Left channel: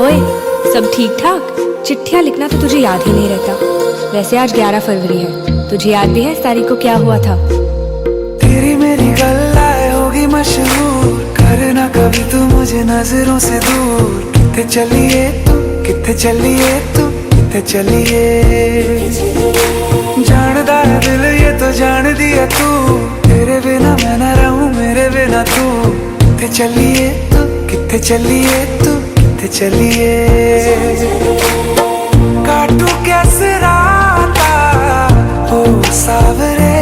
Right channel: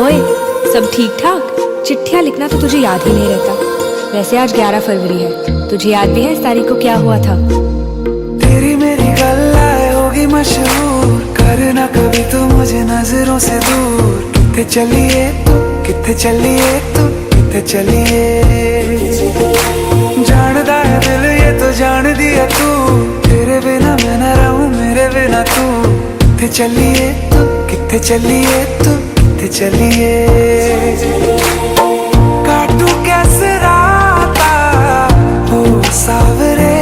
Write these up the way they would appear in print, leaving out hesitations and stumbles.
ओए, सब ठीक ठाक? चिट्ठियाँ लिखना तो तुझे याद ही नहीं रहता। वैसे आज 11 फरवरी है, तुझे याद भी है इस तारीख को क्या हुआ था? तेरी मेरी गल्लाए होगी मशहूर, करना कभी तू मुझे नजरों से दूर। किथे चलिए तू, किथे चलिए तू, किथे चलिए। जानदा है दिल ये तो जान दिया तू, तेरे बिना मैं न रहूं मेरे बिना तू। किथे चलिए तू, किथे चलिए तू, किथे चलिए। काटू कैसे राता हो सावरे,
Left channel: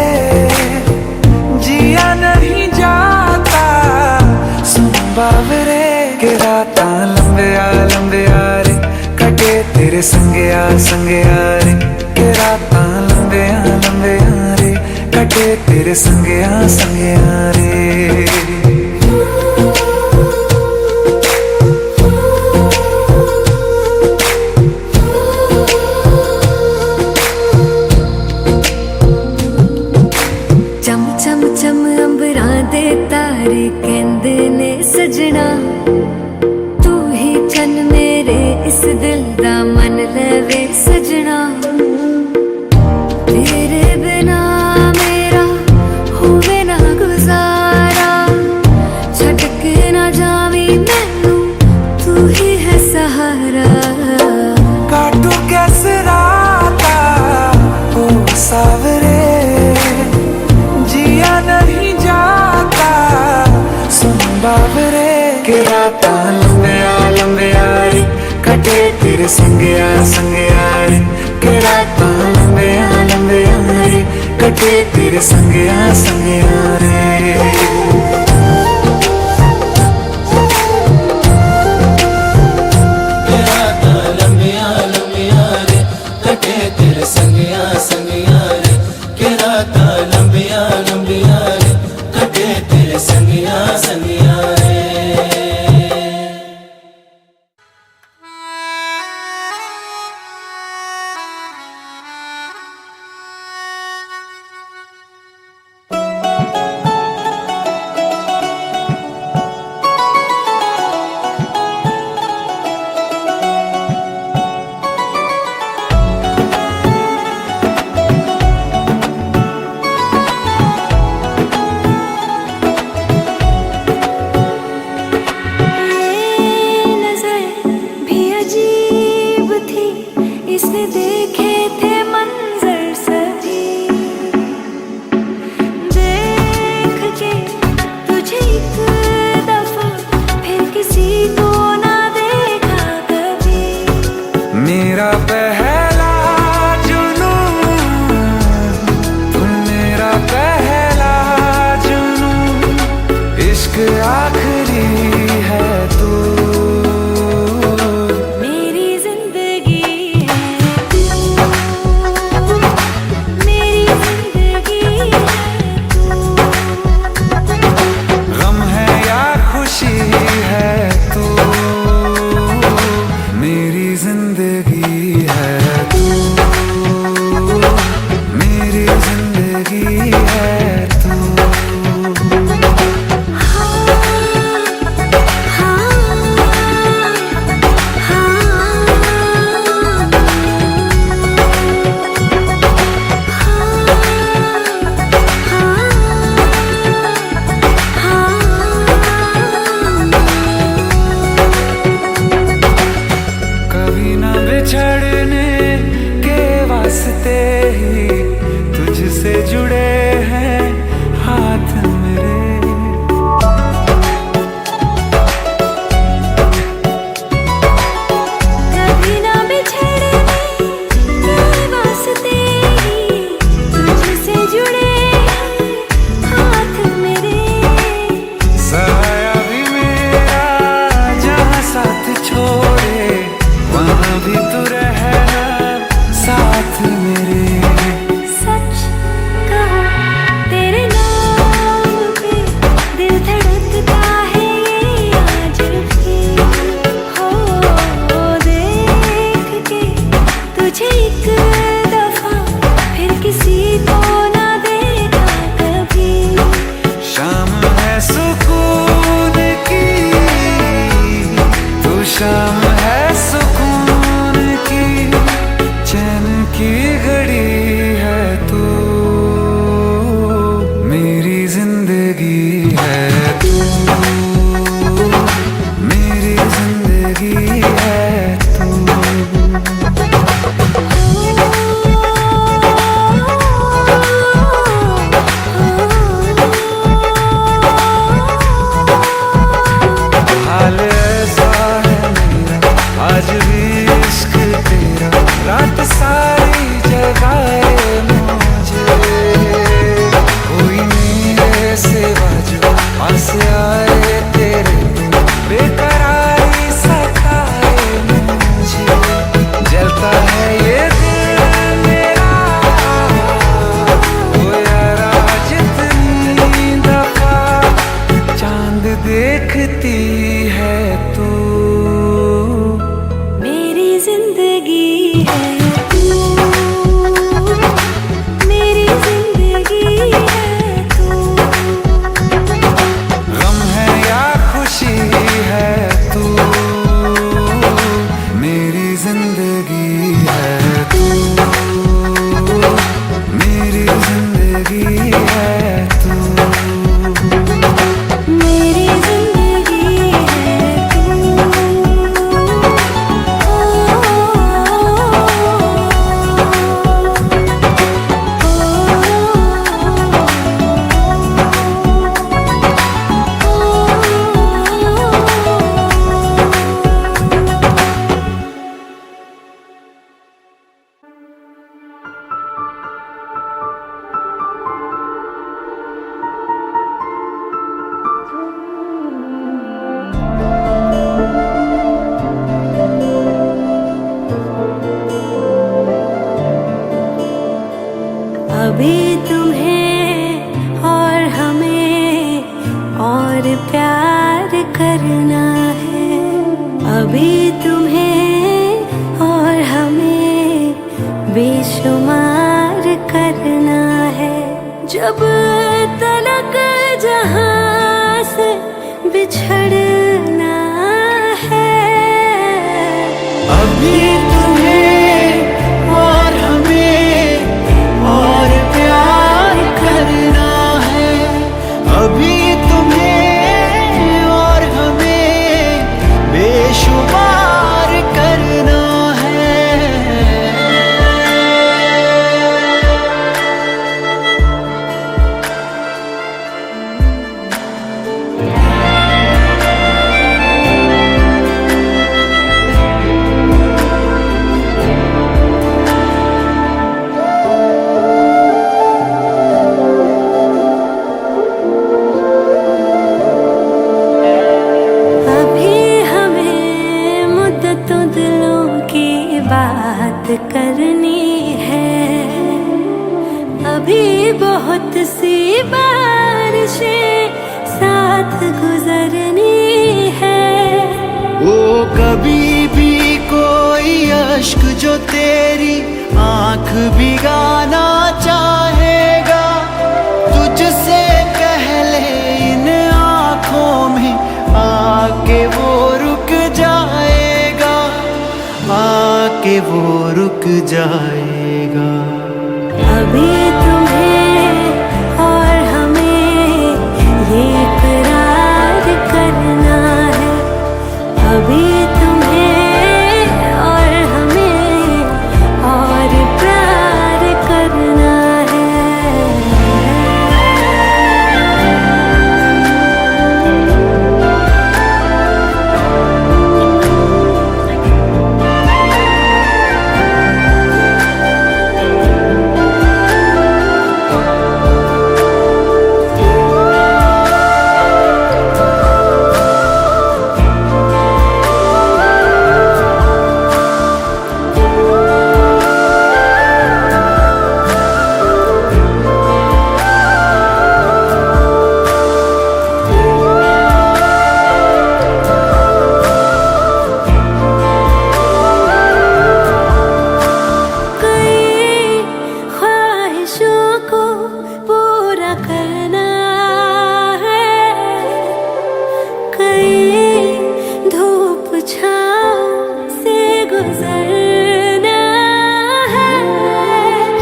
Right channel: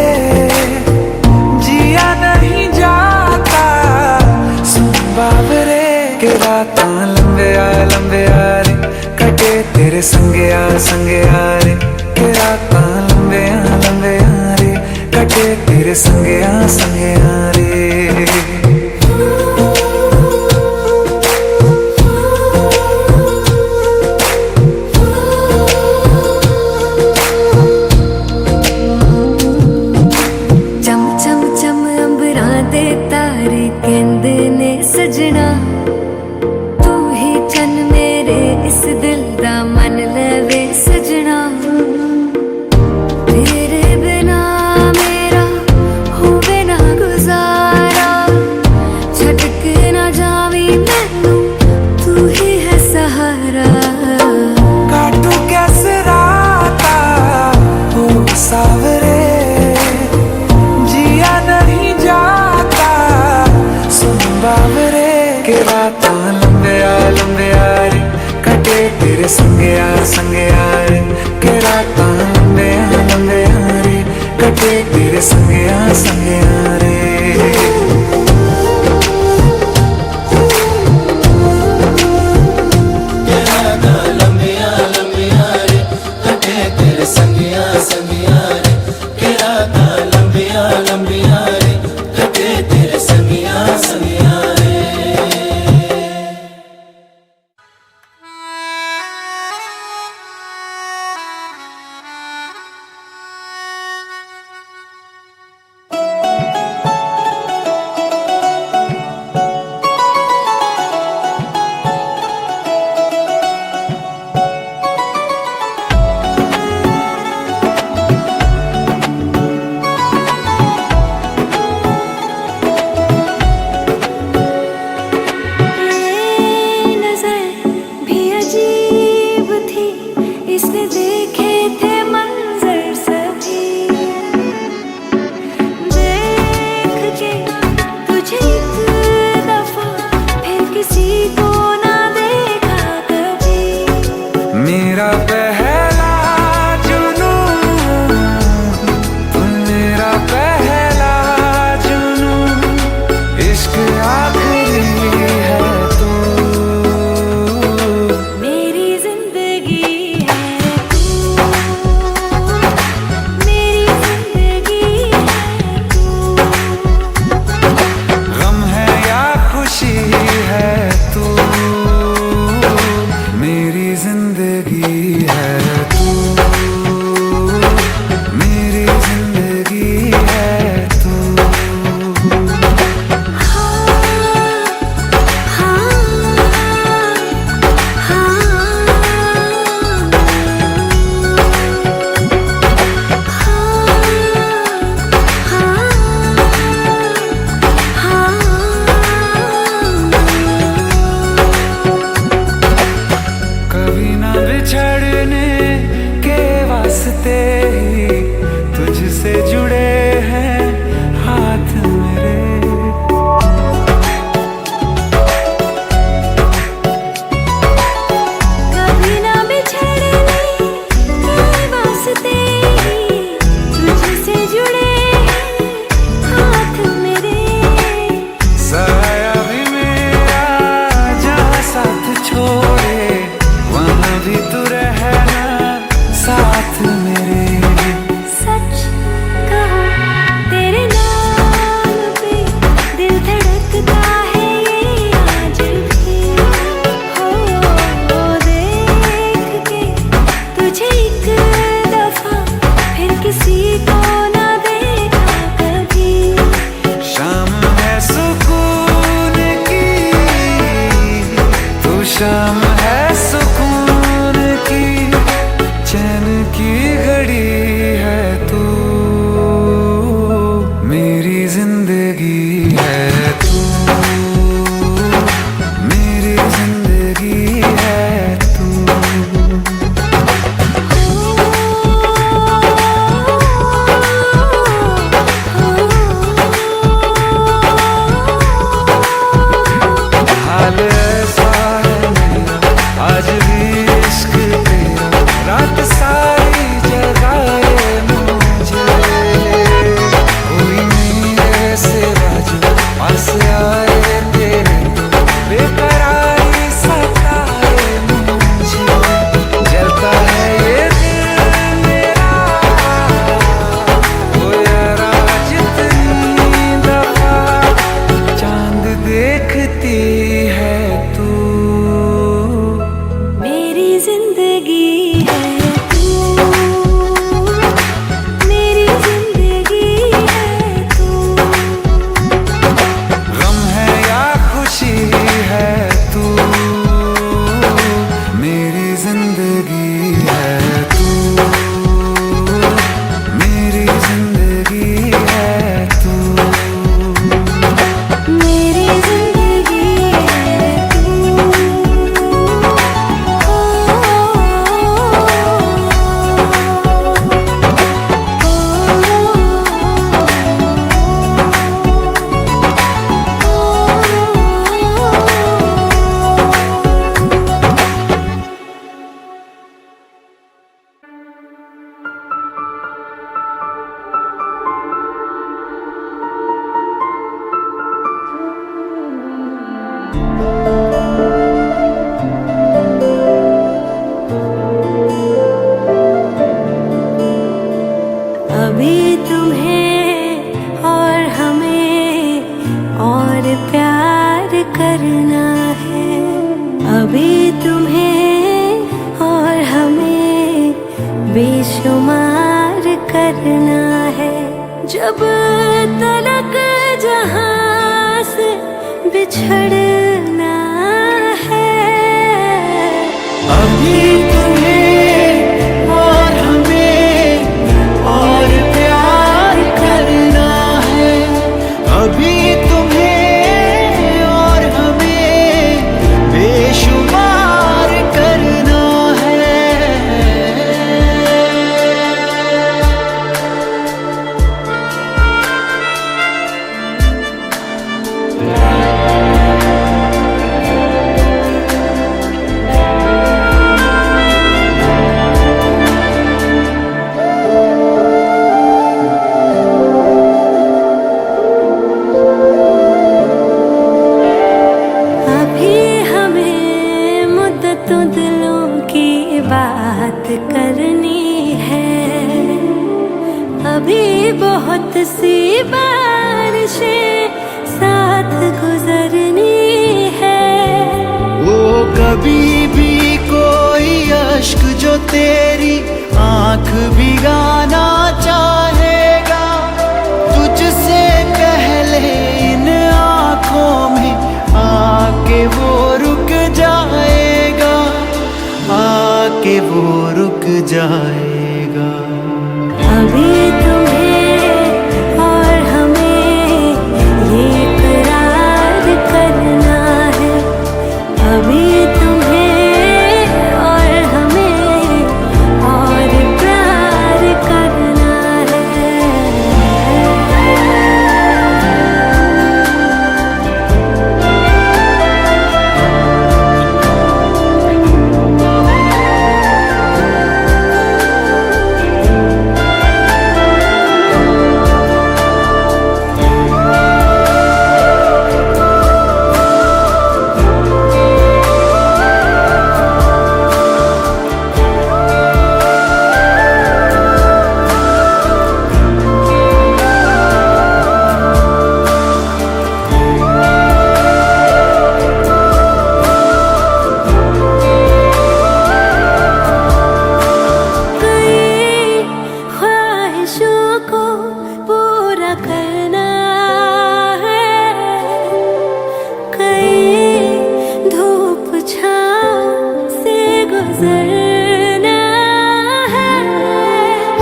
जिया नहीं जाता सुन बावरे। के रात लंबे आ रे, कटे तेरे संगे आ रे। के रात लंबे आ रे, कटे तेरे संगे आ रे। चम चम चम अंबरां दे तारे कहंदे ने सजना, तू ही चन मेरे इस दिल दा मन लवे सजना। तेरे बिना मेरा होवे ना गुजारा, छड़ के ना जावी मैनू तू ही है सहारा। काटू कैसे राता हो सावरे, जिया नहीं जाता सुन बावरे। के रात लंबे आ रे, कटे तेरे संगे आ रे। के रात लंबे आ रे, कटे तेरे संगे आ रे। इसने देखे थे मंजर सभी, देख के तुझे एक दफा फिर किसी को ना देखा कभी। मेरा पहला जुनून तू, मेरा पहला जुनून। इश्क आखिरी है तू, मेरी जिंदगी है तू, मेरी जिंदगी है तू। शाम है सुकून की, चैन की घड़ी है तू, मेरी जिंदगी है तू, मेरी जिंदगी है तू। हाल ऐसा है मेरा आज भी इश्क तेरा, रात सारी जगाए मुझे, कोई मेरे सिवा जो पास आए तेरे तो बेकरारी सताए मुझे, जलता है ये दिल मेरा ओ यारा जितनी दफा चांद देखती है तू, मेरी जिंदगी है तू, मेरी जिंदगी है तू। गम है या खुशी है तू, मेरी जिंदगी है तू, मेरी जिंदगी है तू, मेरी जिंदगी है तू। अभी तुम्हें और हमें और प्यार करना है, अभी तुम्हें और हमें बेशुमार करना है, जब तलक जहां से बिछड़ना है। अभी तुम्हें और हमें और प्यार करना है, अभी तुम्हें और हमें बेशुमार करना है। बात करनी है, अभी बहुत सी बारिशें साथ गुजरनी है। ओ कभी भी कोई अश्क जो तेरी आंख भिगाना चाहेगा, तुझसे पहले इन आंखों में आके वो रुक जाएगा, आके वो रुक जाएगा। अभी तुम्हें और हमें ये इकरार करना है, अभी तुम्हें और हमें और प्यार करना है।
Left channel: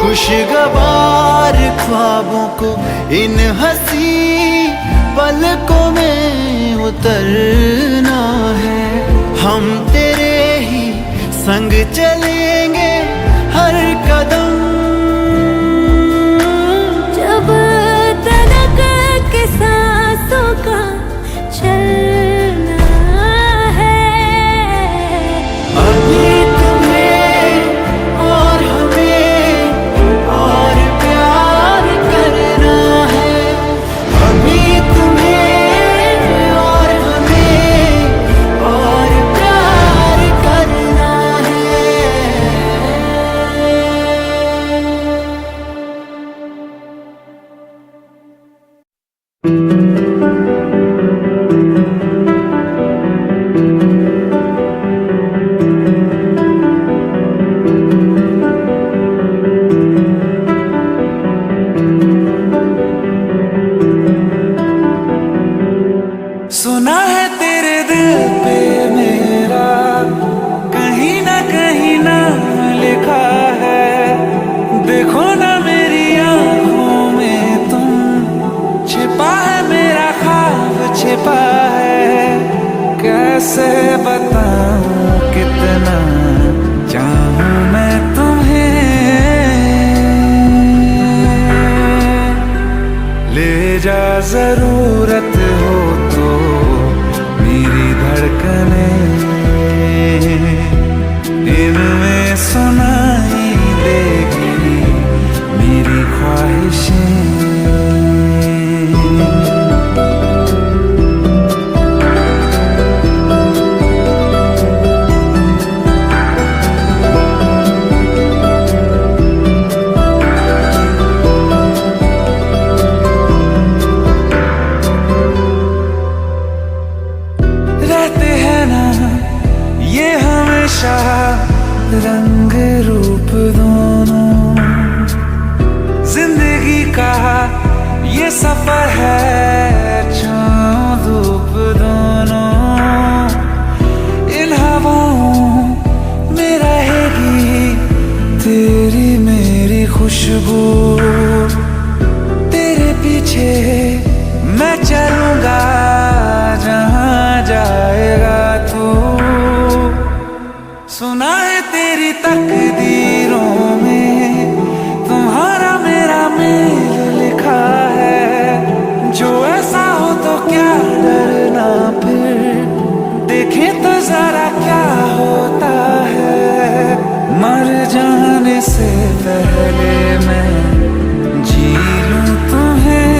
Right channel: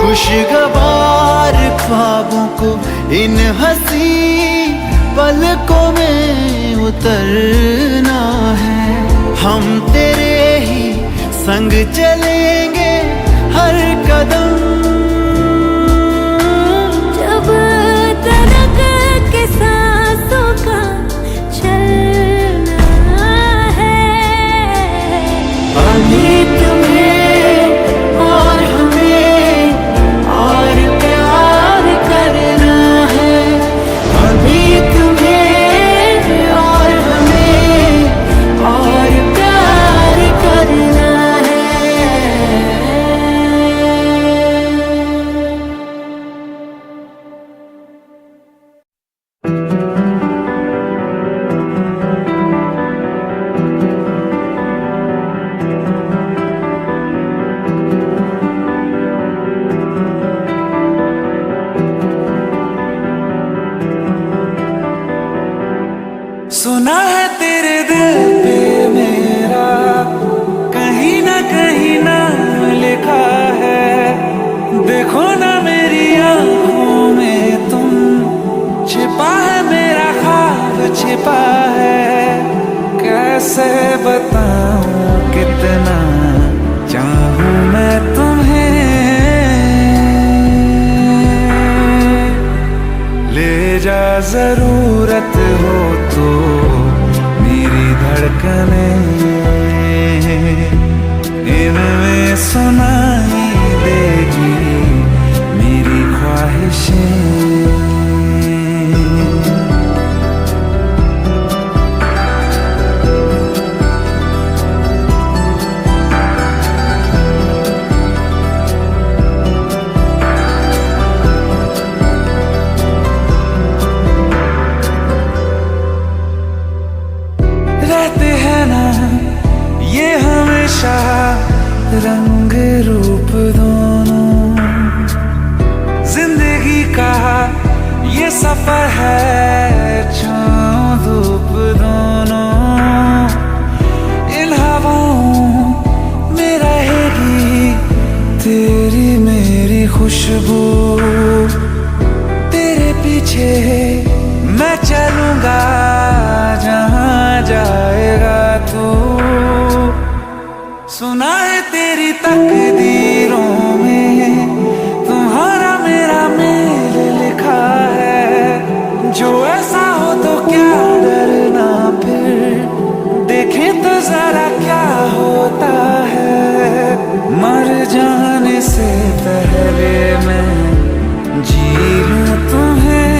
खुशगवार ख्वाबों को इन हंसी पलकों में उतरना है। हम तेरे ही संग चलेंगे हर कदम, जब तलक के सांसों का चलना है। अभी तुम्हें और हमें और प्यार करना है। अभी तुम्हें और हमें और प्यार करना है। सुना है तेरे दिल पे मेरा कहीं ना कहीं नाम लिखा है। देखो ना मेरी आंखों में तुम, छिपा है मेरा ख्वाब छिपा है। कैसे बताऊं कितना चाहूं मैं तुम्हें। ले जा जरूरत हो तो मेरी धड़कने, इनमें सुनाई देगी मेरी ख्वाहिशें। रहते हैं ना ये हमेशा रंग रूप दोनों, जिंदगी का ये सफर है छाँव धूप दोनों। इन हवाओं में रहेगी तेरी मेरी खुशबू, तेरे पीछे मैं चलूंगा जहां जाएगा तू। सुना है तेरी तकदीरों में तुम्हारा मेरा मेल लिखा है। जो ऐसा हो तो क्या डरना, फिर देखे तो जरा क्या होता है। मर जाने से पहले मैं जी लूं तुम्हें।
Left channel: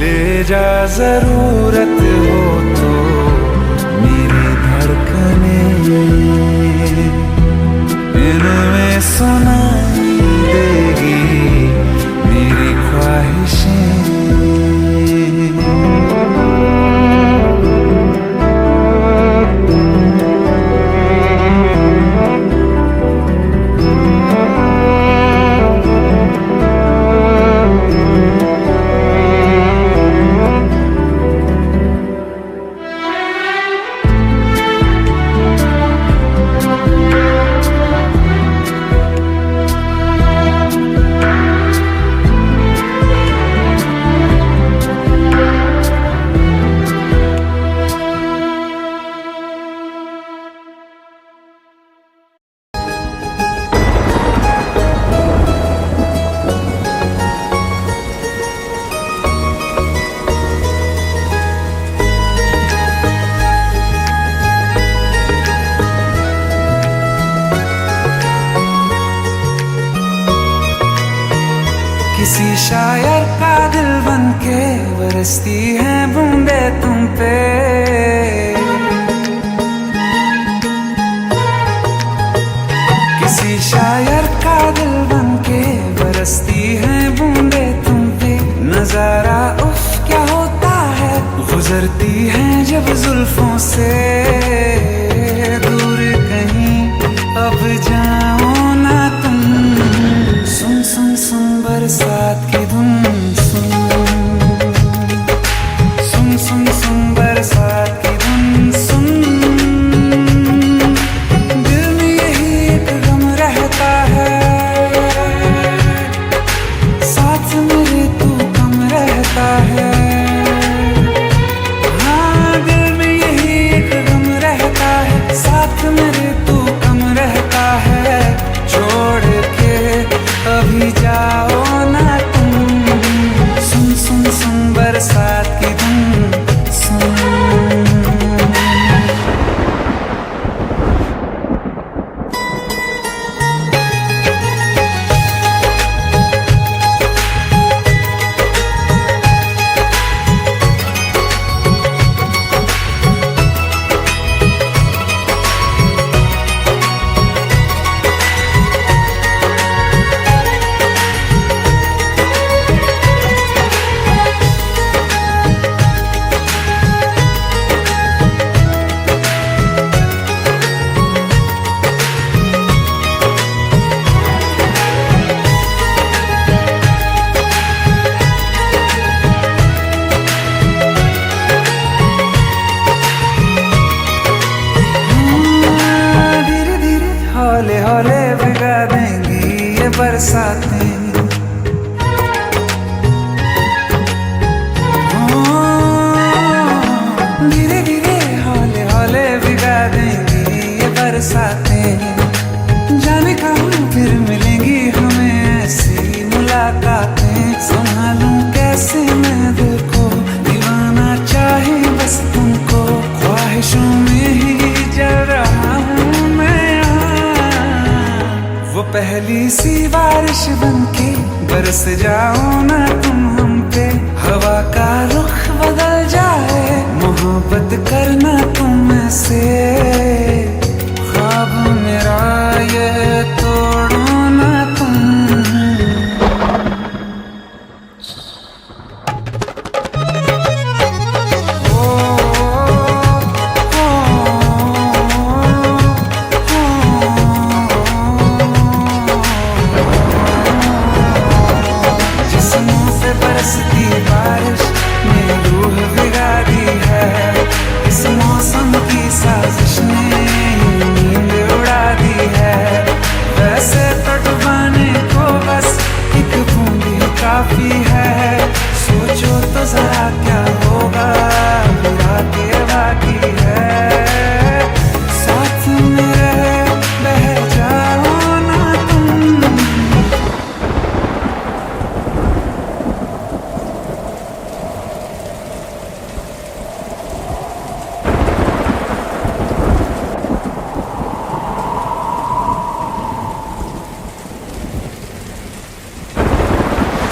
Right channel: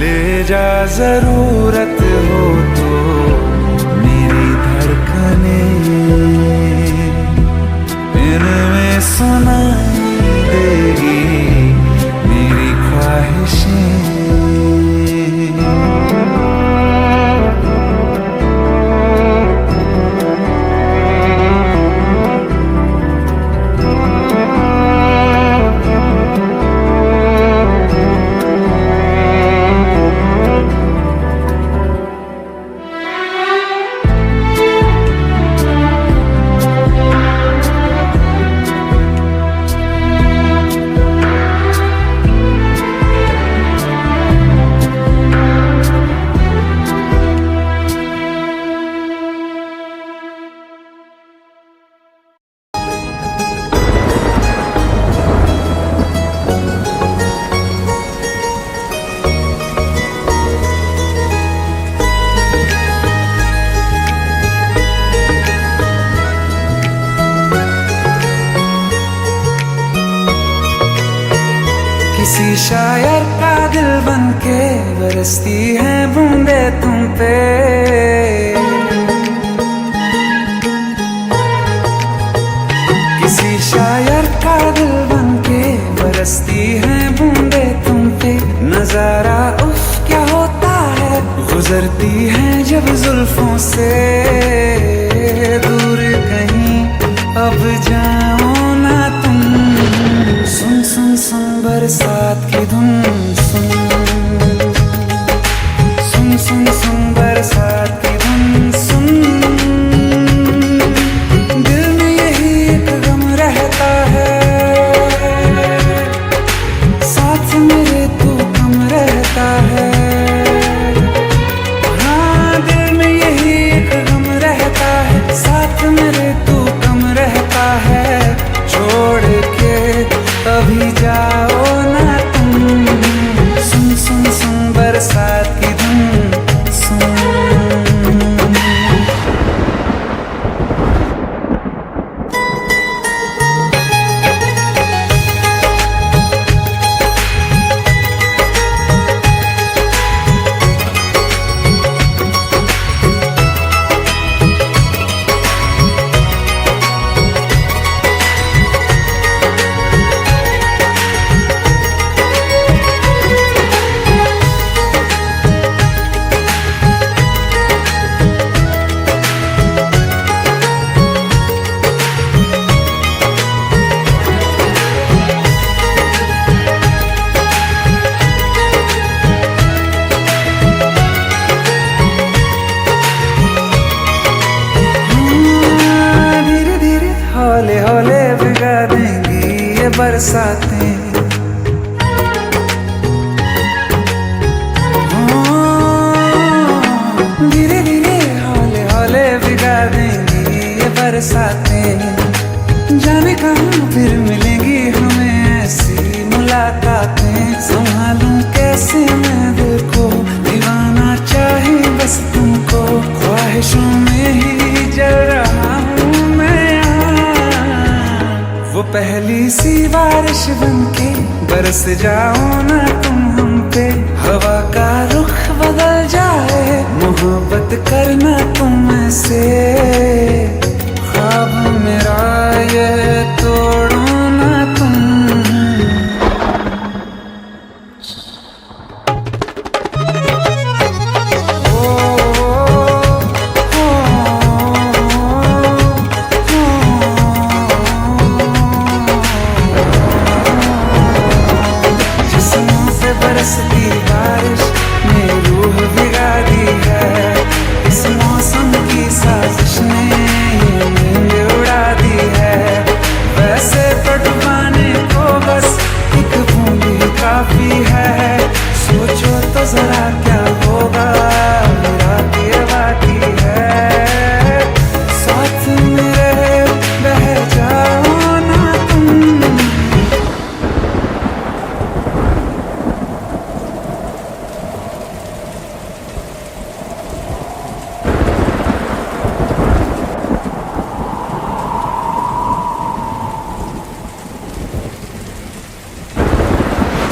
ले जा जरूरत हो तो मेरी धड़कने, इनमें सुनाई देगी मेरी ख्वाहिशें। किसी शायर का दिल बनके बरसती है बूंदे तुम पे। किसी शायर का दिल बनके बरसती है बूंदे तुम पे। नजारा उफ क्या होता है, गुजरती है जब जुल्फों से दूर कहीं अब जाओ ना तुम। सुन सुन सुन बरसात की धुन सुन, सुन सुन सुन बरसात की धुन सुन। दिल में ये रहता है। हाँ, दिल में यही एक गम रहता है, साथ मेरे तू कम रहता है। छोड़ के अभी जाओ ना तुम, सुन सुन सुन बरसात की धुन सुन। हौले हौले भिगा देंगी ये बरसातें, धीरे धीरे हौले हौले भिगा देंगी ये बरसातें। जाने कहाँ फिर मिलेंगी हमें ऐसी मुलाकातें, संभालूं कैसे मैं दिल को, दीवाना चाहे बस तुमको। ख्वाहिशों में ही जल रहा हूँ मैं यहाँ, वो पहली सी बारिश बनके बरस जाओ ना तुम हम पे। हवा का रुख बदल जाए, मोहब्बत करना तुम से। ख्वाब मेरा ये तोड़ो ना तुम। बरसती बारिश ने रूह भिगा दी है, इस मौसम की साजिश ने ये नींद उड़ा दी है। वैसे तो डुबाने को बस एक बूंदी काफी है, सोचो तो जरा क्या होगा, रात ये बाकी है। साथ मेरे बह जाओ ना तुम।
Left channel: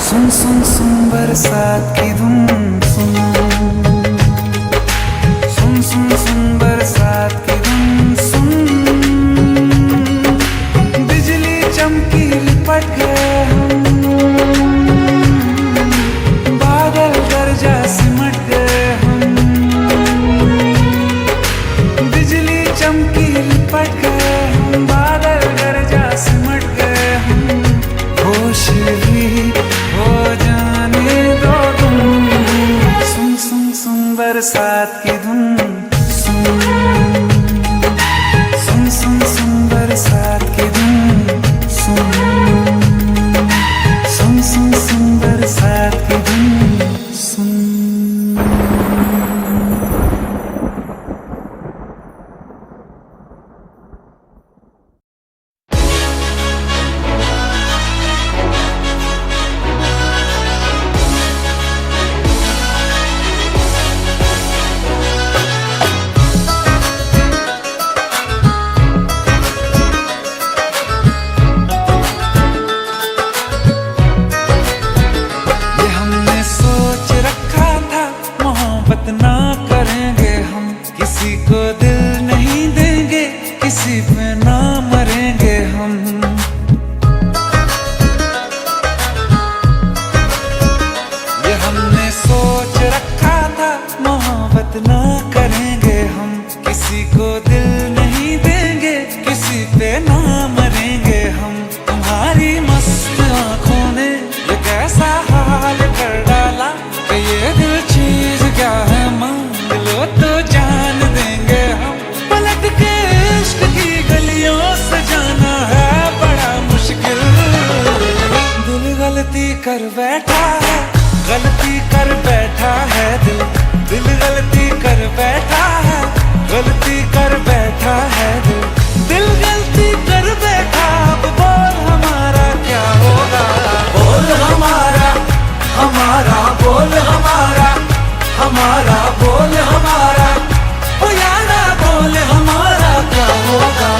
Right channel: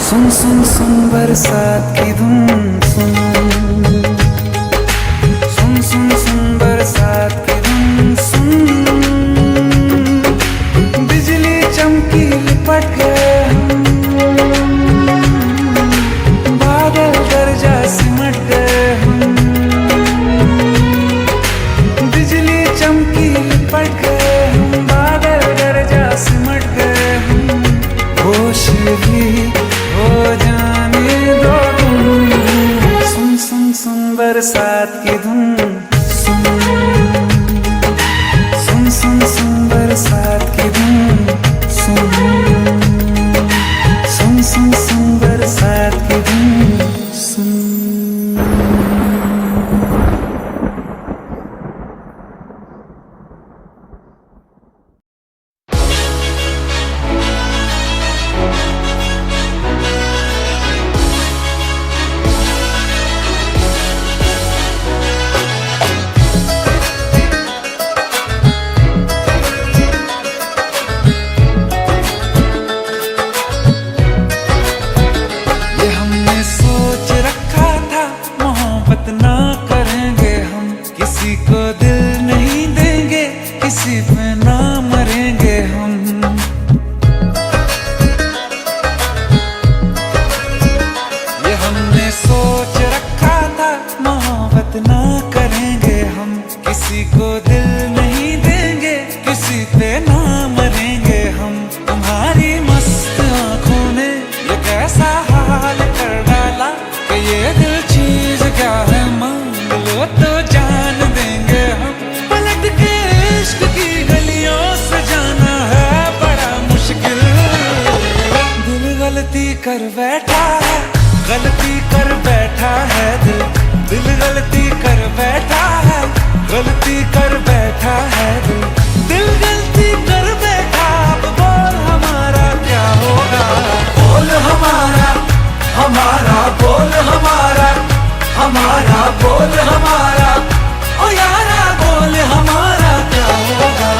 सुन सुन सुन बरसात की धुन सुन, सुन सुन सुन बरसात की धुन सुन। बिजली चमकी लिपट गए हम, बादल गरजा सिमट गए हम। बिजली चमकी लिपट गए हम, बादल गरजा सिमट गए हम। होश भी हो जाने दो तुम, सुन सुन सुन बरसात की धुन सुन, सुन सुन सुन बरसात की धुन सुन, सुन सुन सुन बरसात की धुन सुन। ना करेंगे हम, किसी को दिल नहीं देंगे, किसी पे ना मरेंगे हम। ये हमने सोच रखा था, मोहब्बत ना करेंगे हम, किसी को दिल नहीं देंगे, किसी पे ना मरेंगे हम। तुम्हारी मस्त आँखों ने ये कैसा हाल कर डाला, कि ये दिल चीज क्या है मांग लो तो जान देंगे हम। पलट के इश्क की गलियों से जाना है बड़ा मुश्किल, दिल गलती कर बैठा है, गलती कर बैठा है दिल, दिल गलती कर बैठा है, गलती कर बैठा है दिल, दिल गलती कर बैठा। अब बोल हमारा क्या होगा, बोल हमारा, हमारा बोल हमारा, हमारा बोल हमारा, ओ यारा बोल हमारा क्या होगा।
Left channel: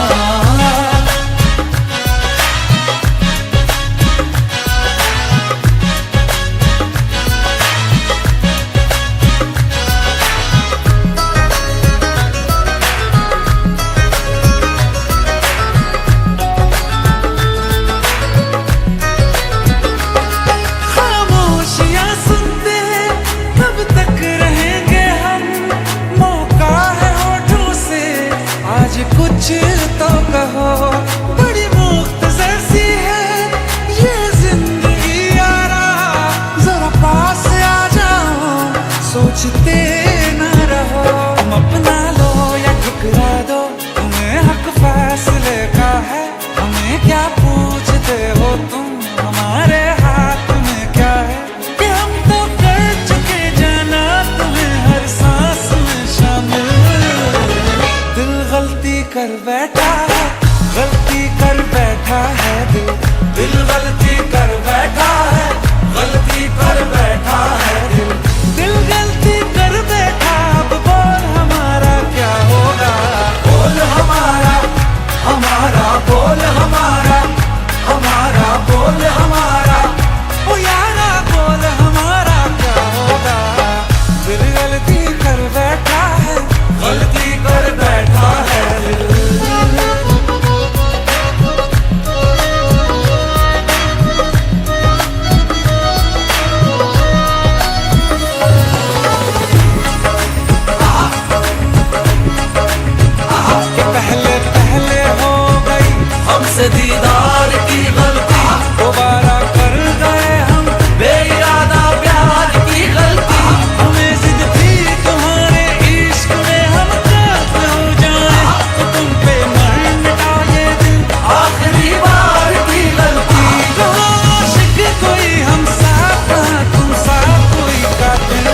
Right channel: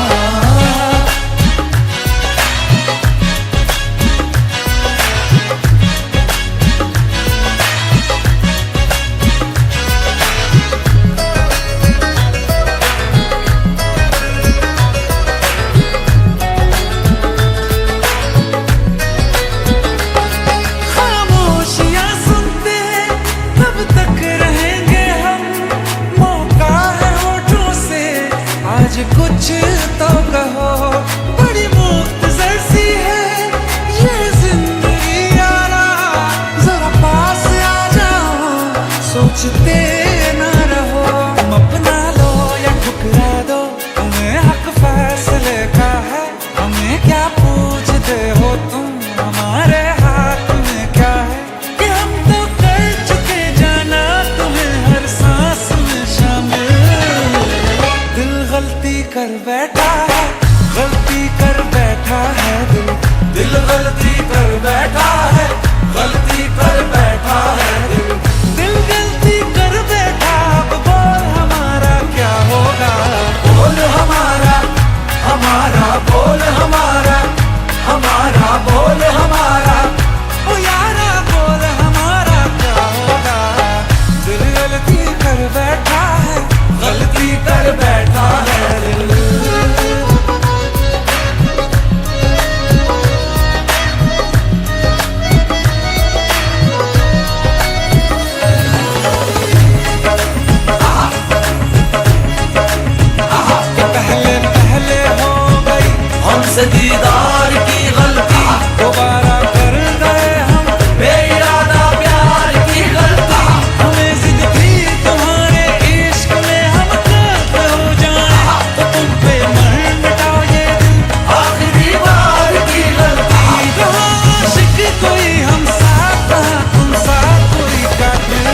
खामोशियां सुनते तब तक रहेंगे हम, मौका है होठों से आज कुछ तो कहो। बड़ी मुख्तसर सी है ये जिंदगी यारा, जरा पास आ जाओ सोचते न रहो। तुम अपना लो या ठुकरा दो, तुम्हें हक फैसले का है। हमें क्या पूछते हो तुम, हमारे हाथ में क्या है कि हम तो कर चुके जाना तुम्हें हर सांस में शामिल। दिल गलती कर बैठा है, गलती कर बैठा है दिल, दिल गलती कर बैठा है, गलती कर बैठा है दिल, दिल गलती कर बैठा। अब बोल हमारा क्या होगा, बोल हमारा, हमारा बोल हमारा, हमारा बोल हमारा, ओ यारा बोल हमारा क्या होगा। दिल गलती कर बैठा है, गलती कर बैठा है दिल। पहले पहले हो गई हमसे दीदार की गलती, दोबारा कर गए हम बेइरादा प्यार की गलती। हमें जिद थी तुम्हारे इश्क में हम काफिर हो जाएं, तो तुम पे मर मिटाओ ये दिल आखिरी बार की गलती। कहाँ आशिक कोई हम साथ, कहाँ तुम साथ कोई कातिल।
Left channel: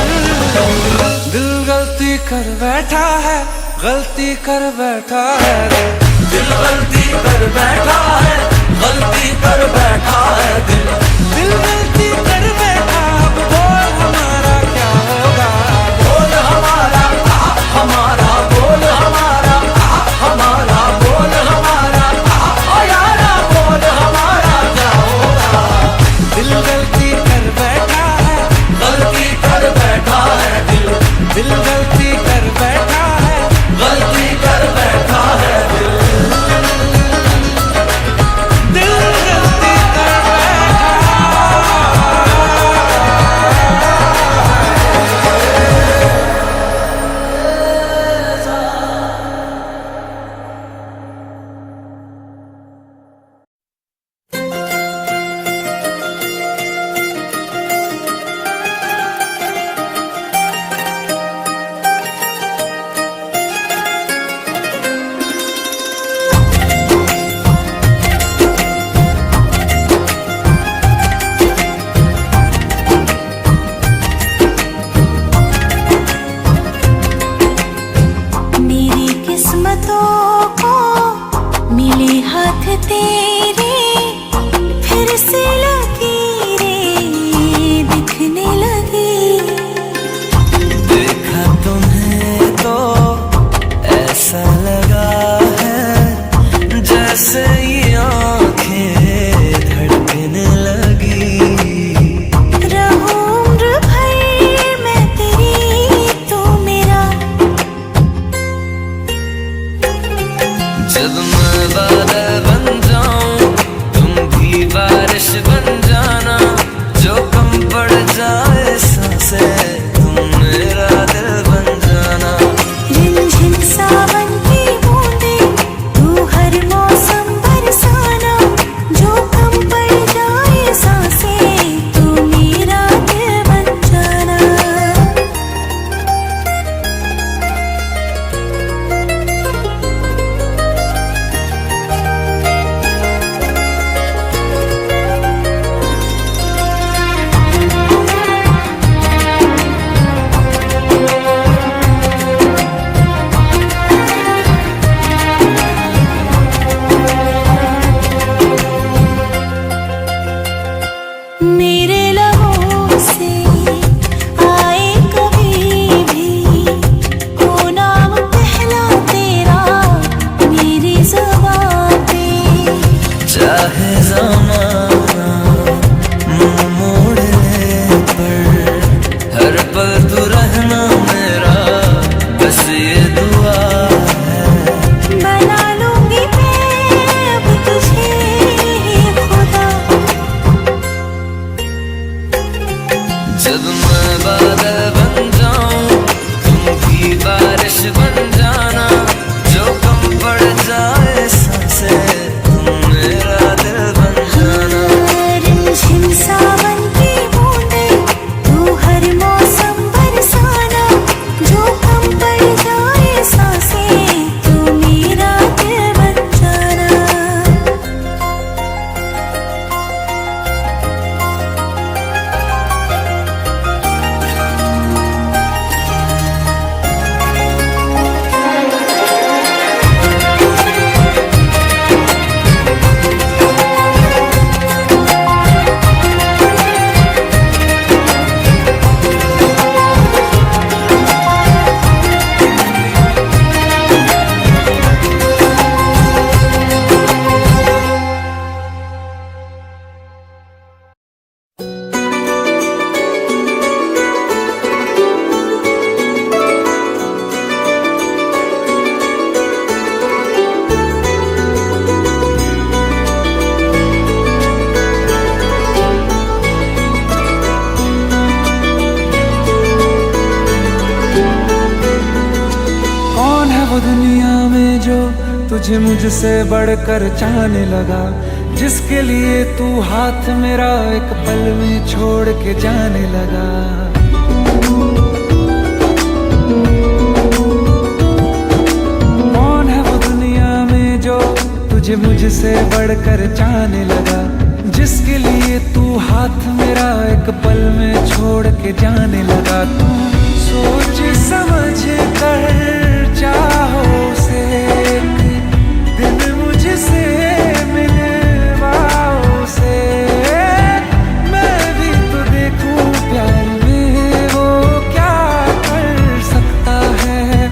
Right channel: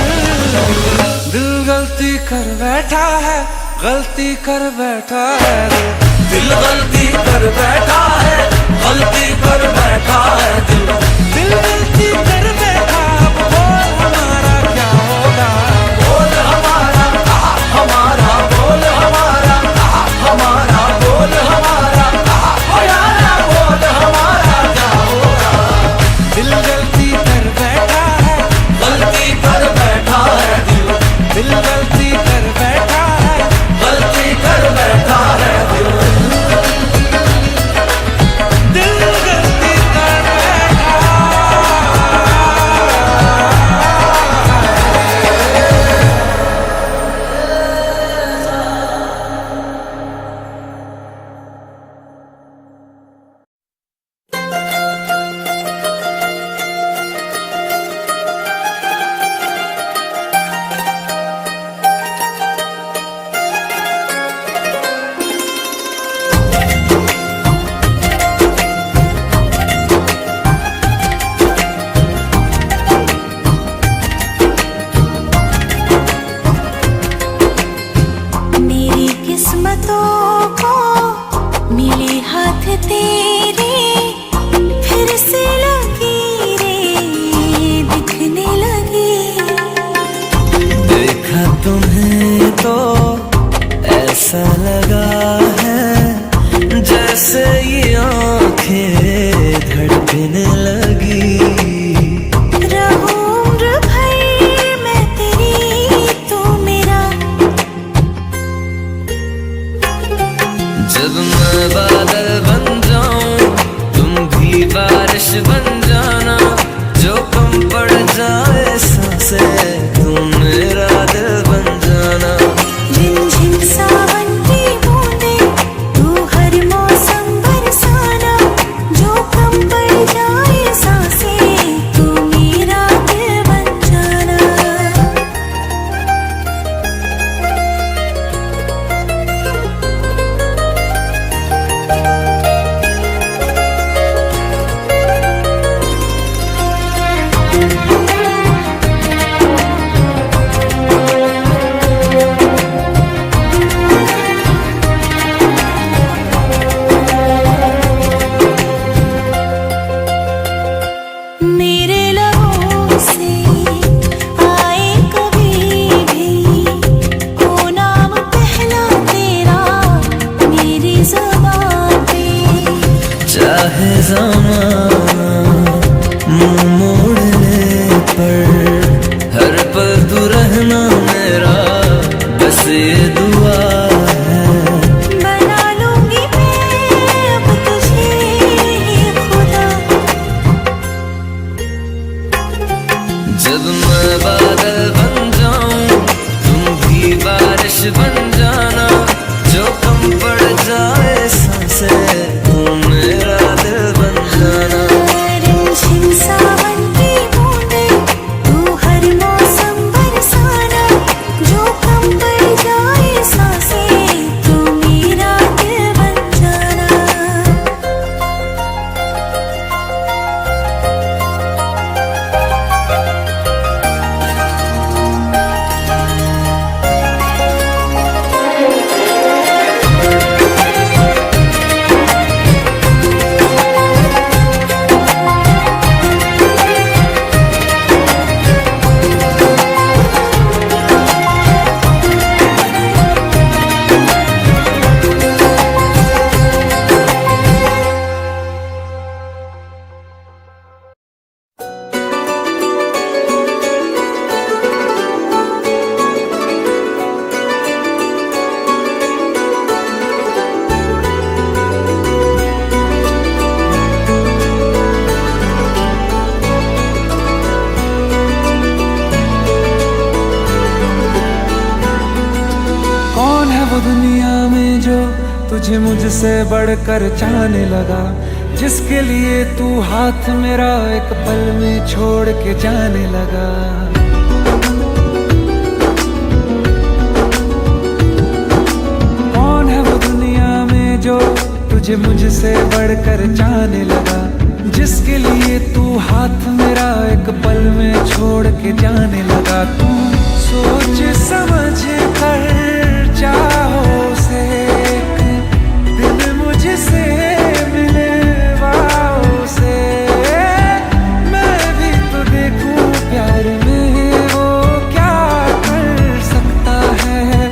दिल गलती कर बैठा है, गलती कर बैठा है दिल, दिल गलती कर बैठा है, गलती कर बैठा है दिल, दिल गलती कर बैठा। अब बोल हमारा क्या होगा, बोल हमारा, हमारा बोल हमारा, हमारा बोल हमारा, ओ यारा बोल हमारा क्या होगा। दिल गलती कर बैठा है, गलती कर बैठा है दिल, दिल गलती कर बैठा है, गलती कर बैठा है दिल, दिल गलती कर बैठा मेरी किस्मतों को मिले हाथ तेरे, फिर से लकीरें दिखने लगी। देखा तुम्हें तो ऐसा लगा है जैसे ये आंखें धड़कने लगी। रहूं उम्र भर मैं तेरी, तू मेरा। जब मैं बादल बन जाऊं तुम भी बारिश बन जाना, जो कम पड़ जाए सांसें तुम मेरा दिल बन जाना। रिमझिम सावन की बूंदे तू हर मौसम बरसाना, जो कम पड़ जाए चाहे ज़माना मुंह मोड़ ले, पर हर पल तू रहना मेरा, बस ये दुआ है। बना लूंगी मैं अब तुझे ही खुदा, जब मैं बादल बन जाऊं तुम भी बारिश बन जाना, जो कम पड़ जाए सांसें तुम मेरा दिल बन जाना। रिमझिम सावन की बूंदे तू हर मौसम बरसाना, जो कम पड़ जाए सांसें तू मेरा दिल बन जाना। वो दुनिया में जो तुझे मुझसे बढ़कर चाहने लगा, जिसके लिए तू हाथ मेरा एक पल में छोड़ के जाने लगा। कौन है वो दुनिया में जो तुझे मुझसे बढ़कर चाहने लगा, जिसके लिए तू हाथ मेरा एक पल में छोड़ के जाने लगा। तू सोच समझ कर चाहो से एक दिन मुझसे मिलवाओ से, मैं भी तो देखूं प्यार में वो क्या कर सकता है।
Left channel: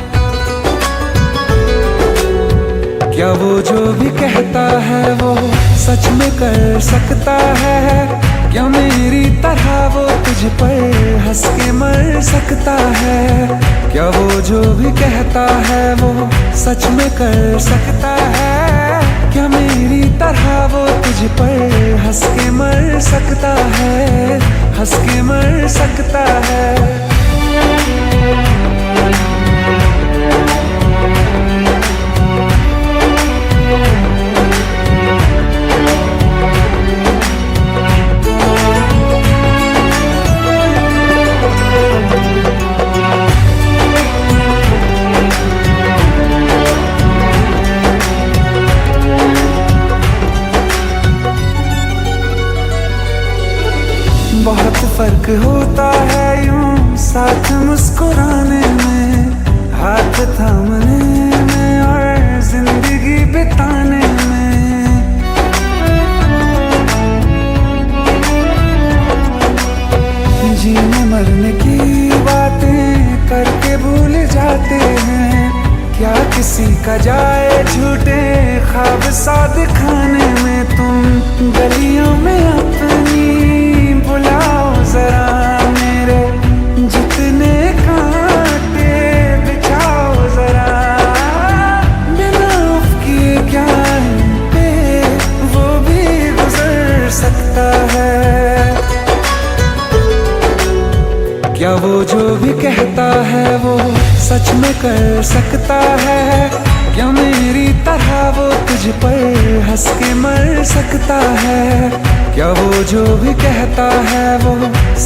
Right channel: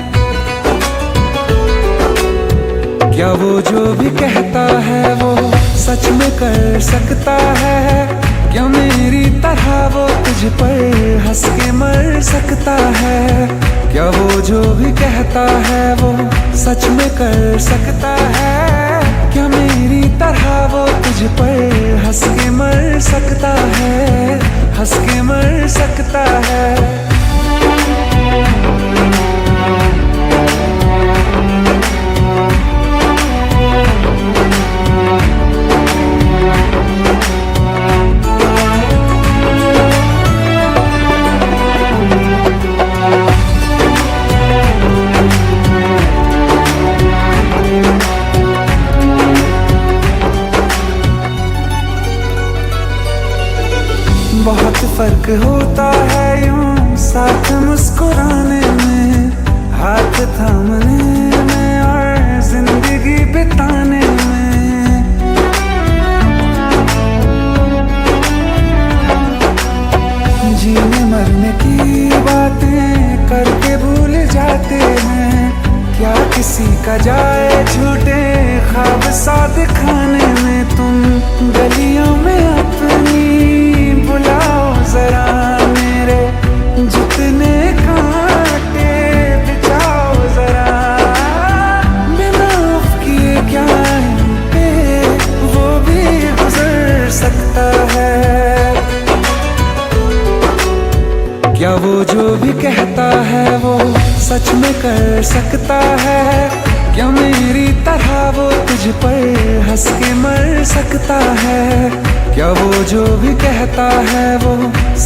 क्या वो जो भी कहता है वो सच में कर सकता है? क्या मेरी तरह वो तुझ पर हंस के मर सकता है? क्या वो जो भी कहता है वो सच में कर सकता है? क्या मेरी तरह वो तुझ पर हंस के मर सकता है? हंस के मर सकता है? बहुत फर्क होता है यूं साथ मुस्कुराने में, हाथ थामने में और जिंदगी बिताने में। जीने मरने की बातें करके भूल जाते हैं, क्या किसी का जाए झूठे ख्वाब सा दिखाने में। तुम गलियों में अपनी बुलाओ जरा मेरे जितने कांटे बिछाओ जरा, बिना उफ किए क्या इन पे वो भी गुजर सकता है। क्या वो जो भी कहता है वो सच में कर सकता है? क्या मेरी तरह वो तुझ पर हंस के मर सकता है? क्या वो जो भी कहता है वो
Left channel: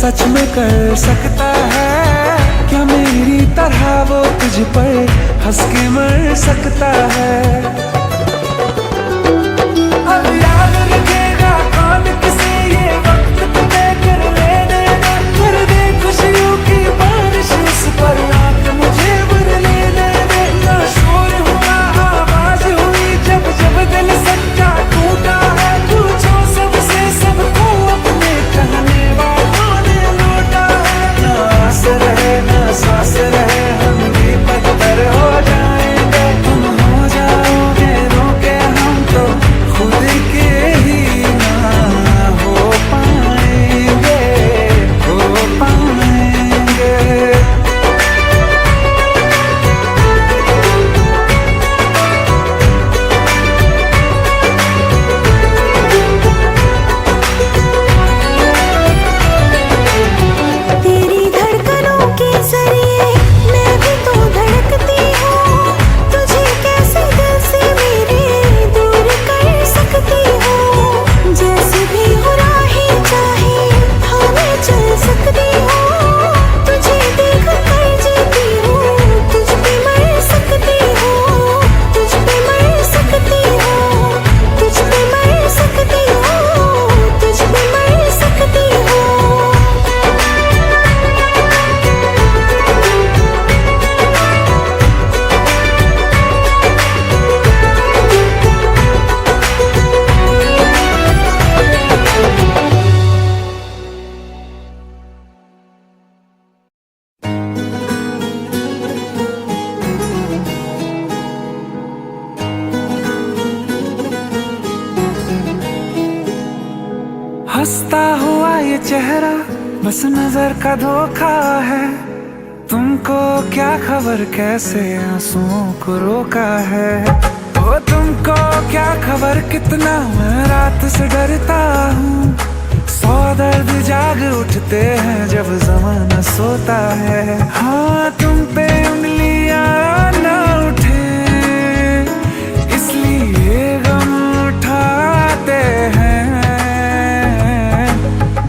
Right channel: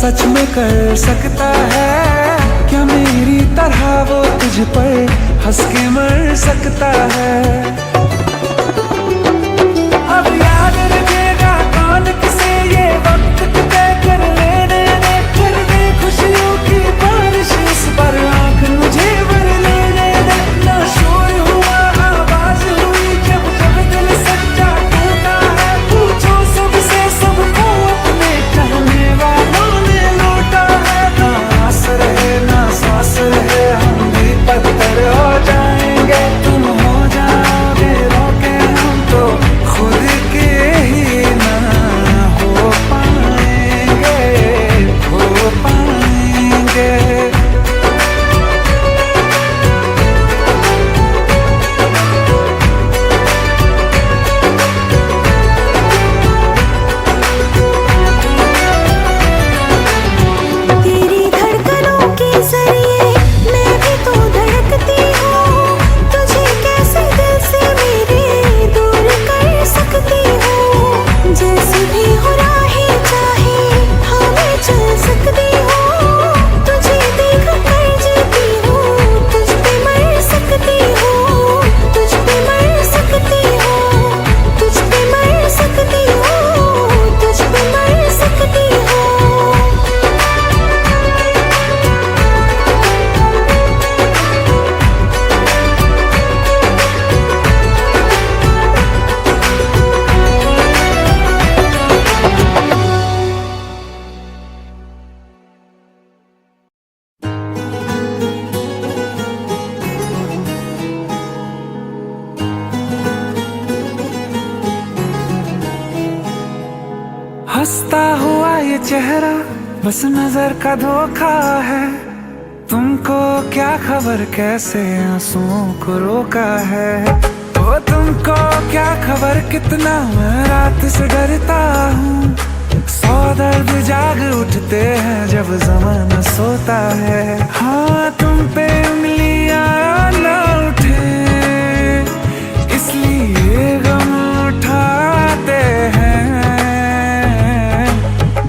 सच में कर सकता है? क्या मेरी तरह वो तुझ पर हंस के मर सकता है? अब याद रखेगा कौन किसे ये वक्त तय कर लेने दे, कर दे खुशियों की बारिश इस पर आँख मुझे भर लेने दे। ना शोर हुआ आवाज हुई जब जब दिल सच्चा टूटा है, पूछो सबसे सबको अपने कहने वालों ने लौटा है। ना आस रहे ना सांस रहे हम भी पत्थर हो जाएंगे, तुम हो जाओगे रोके हम तो खुद की हंसता हुआ ये चेहरा बस नजर का धोखा है। तुमको क्या खबर कैसे आंसुओं को रोका है। ओ तुमको क्या खबर कितना मैं रात से डरता हूँ। 100 दर्द जाग उठते हैं जब ज़माना सोता है। हाँ तुम पे उंगलियां ना उठे इसलिए गम उठाते हैं।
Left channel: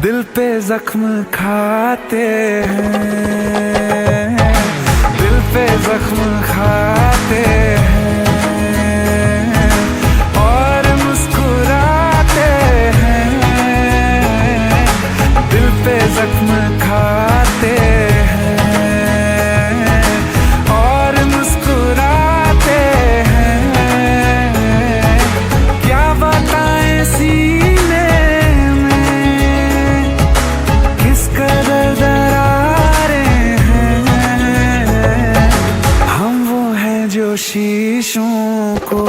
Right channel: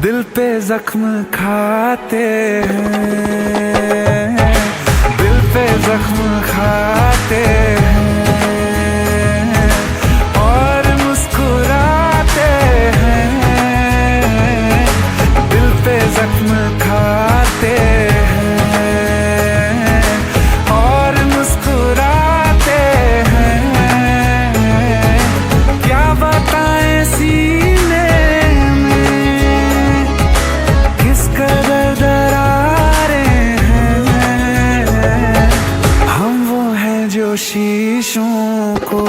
दिल पे जख्म खाते हैं, दिल पे जख्म खाते हैं और मुस्कुराते हैं। दिल पे जख्म खाते हैं और मुस्कुराते हैं। क्या बताएं सीने में किस कदर दरारें हैं। हम वो हैं जो शीशों को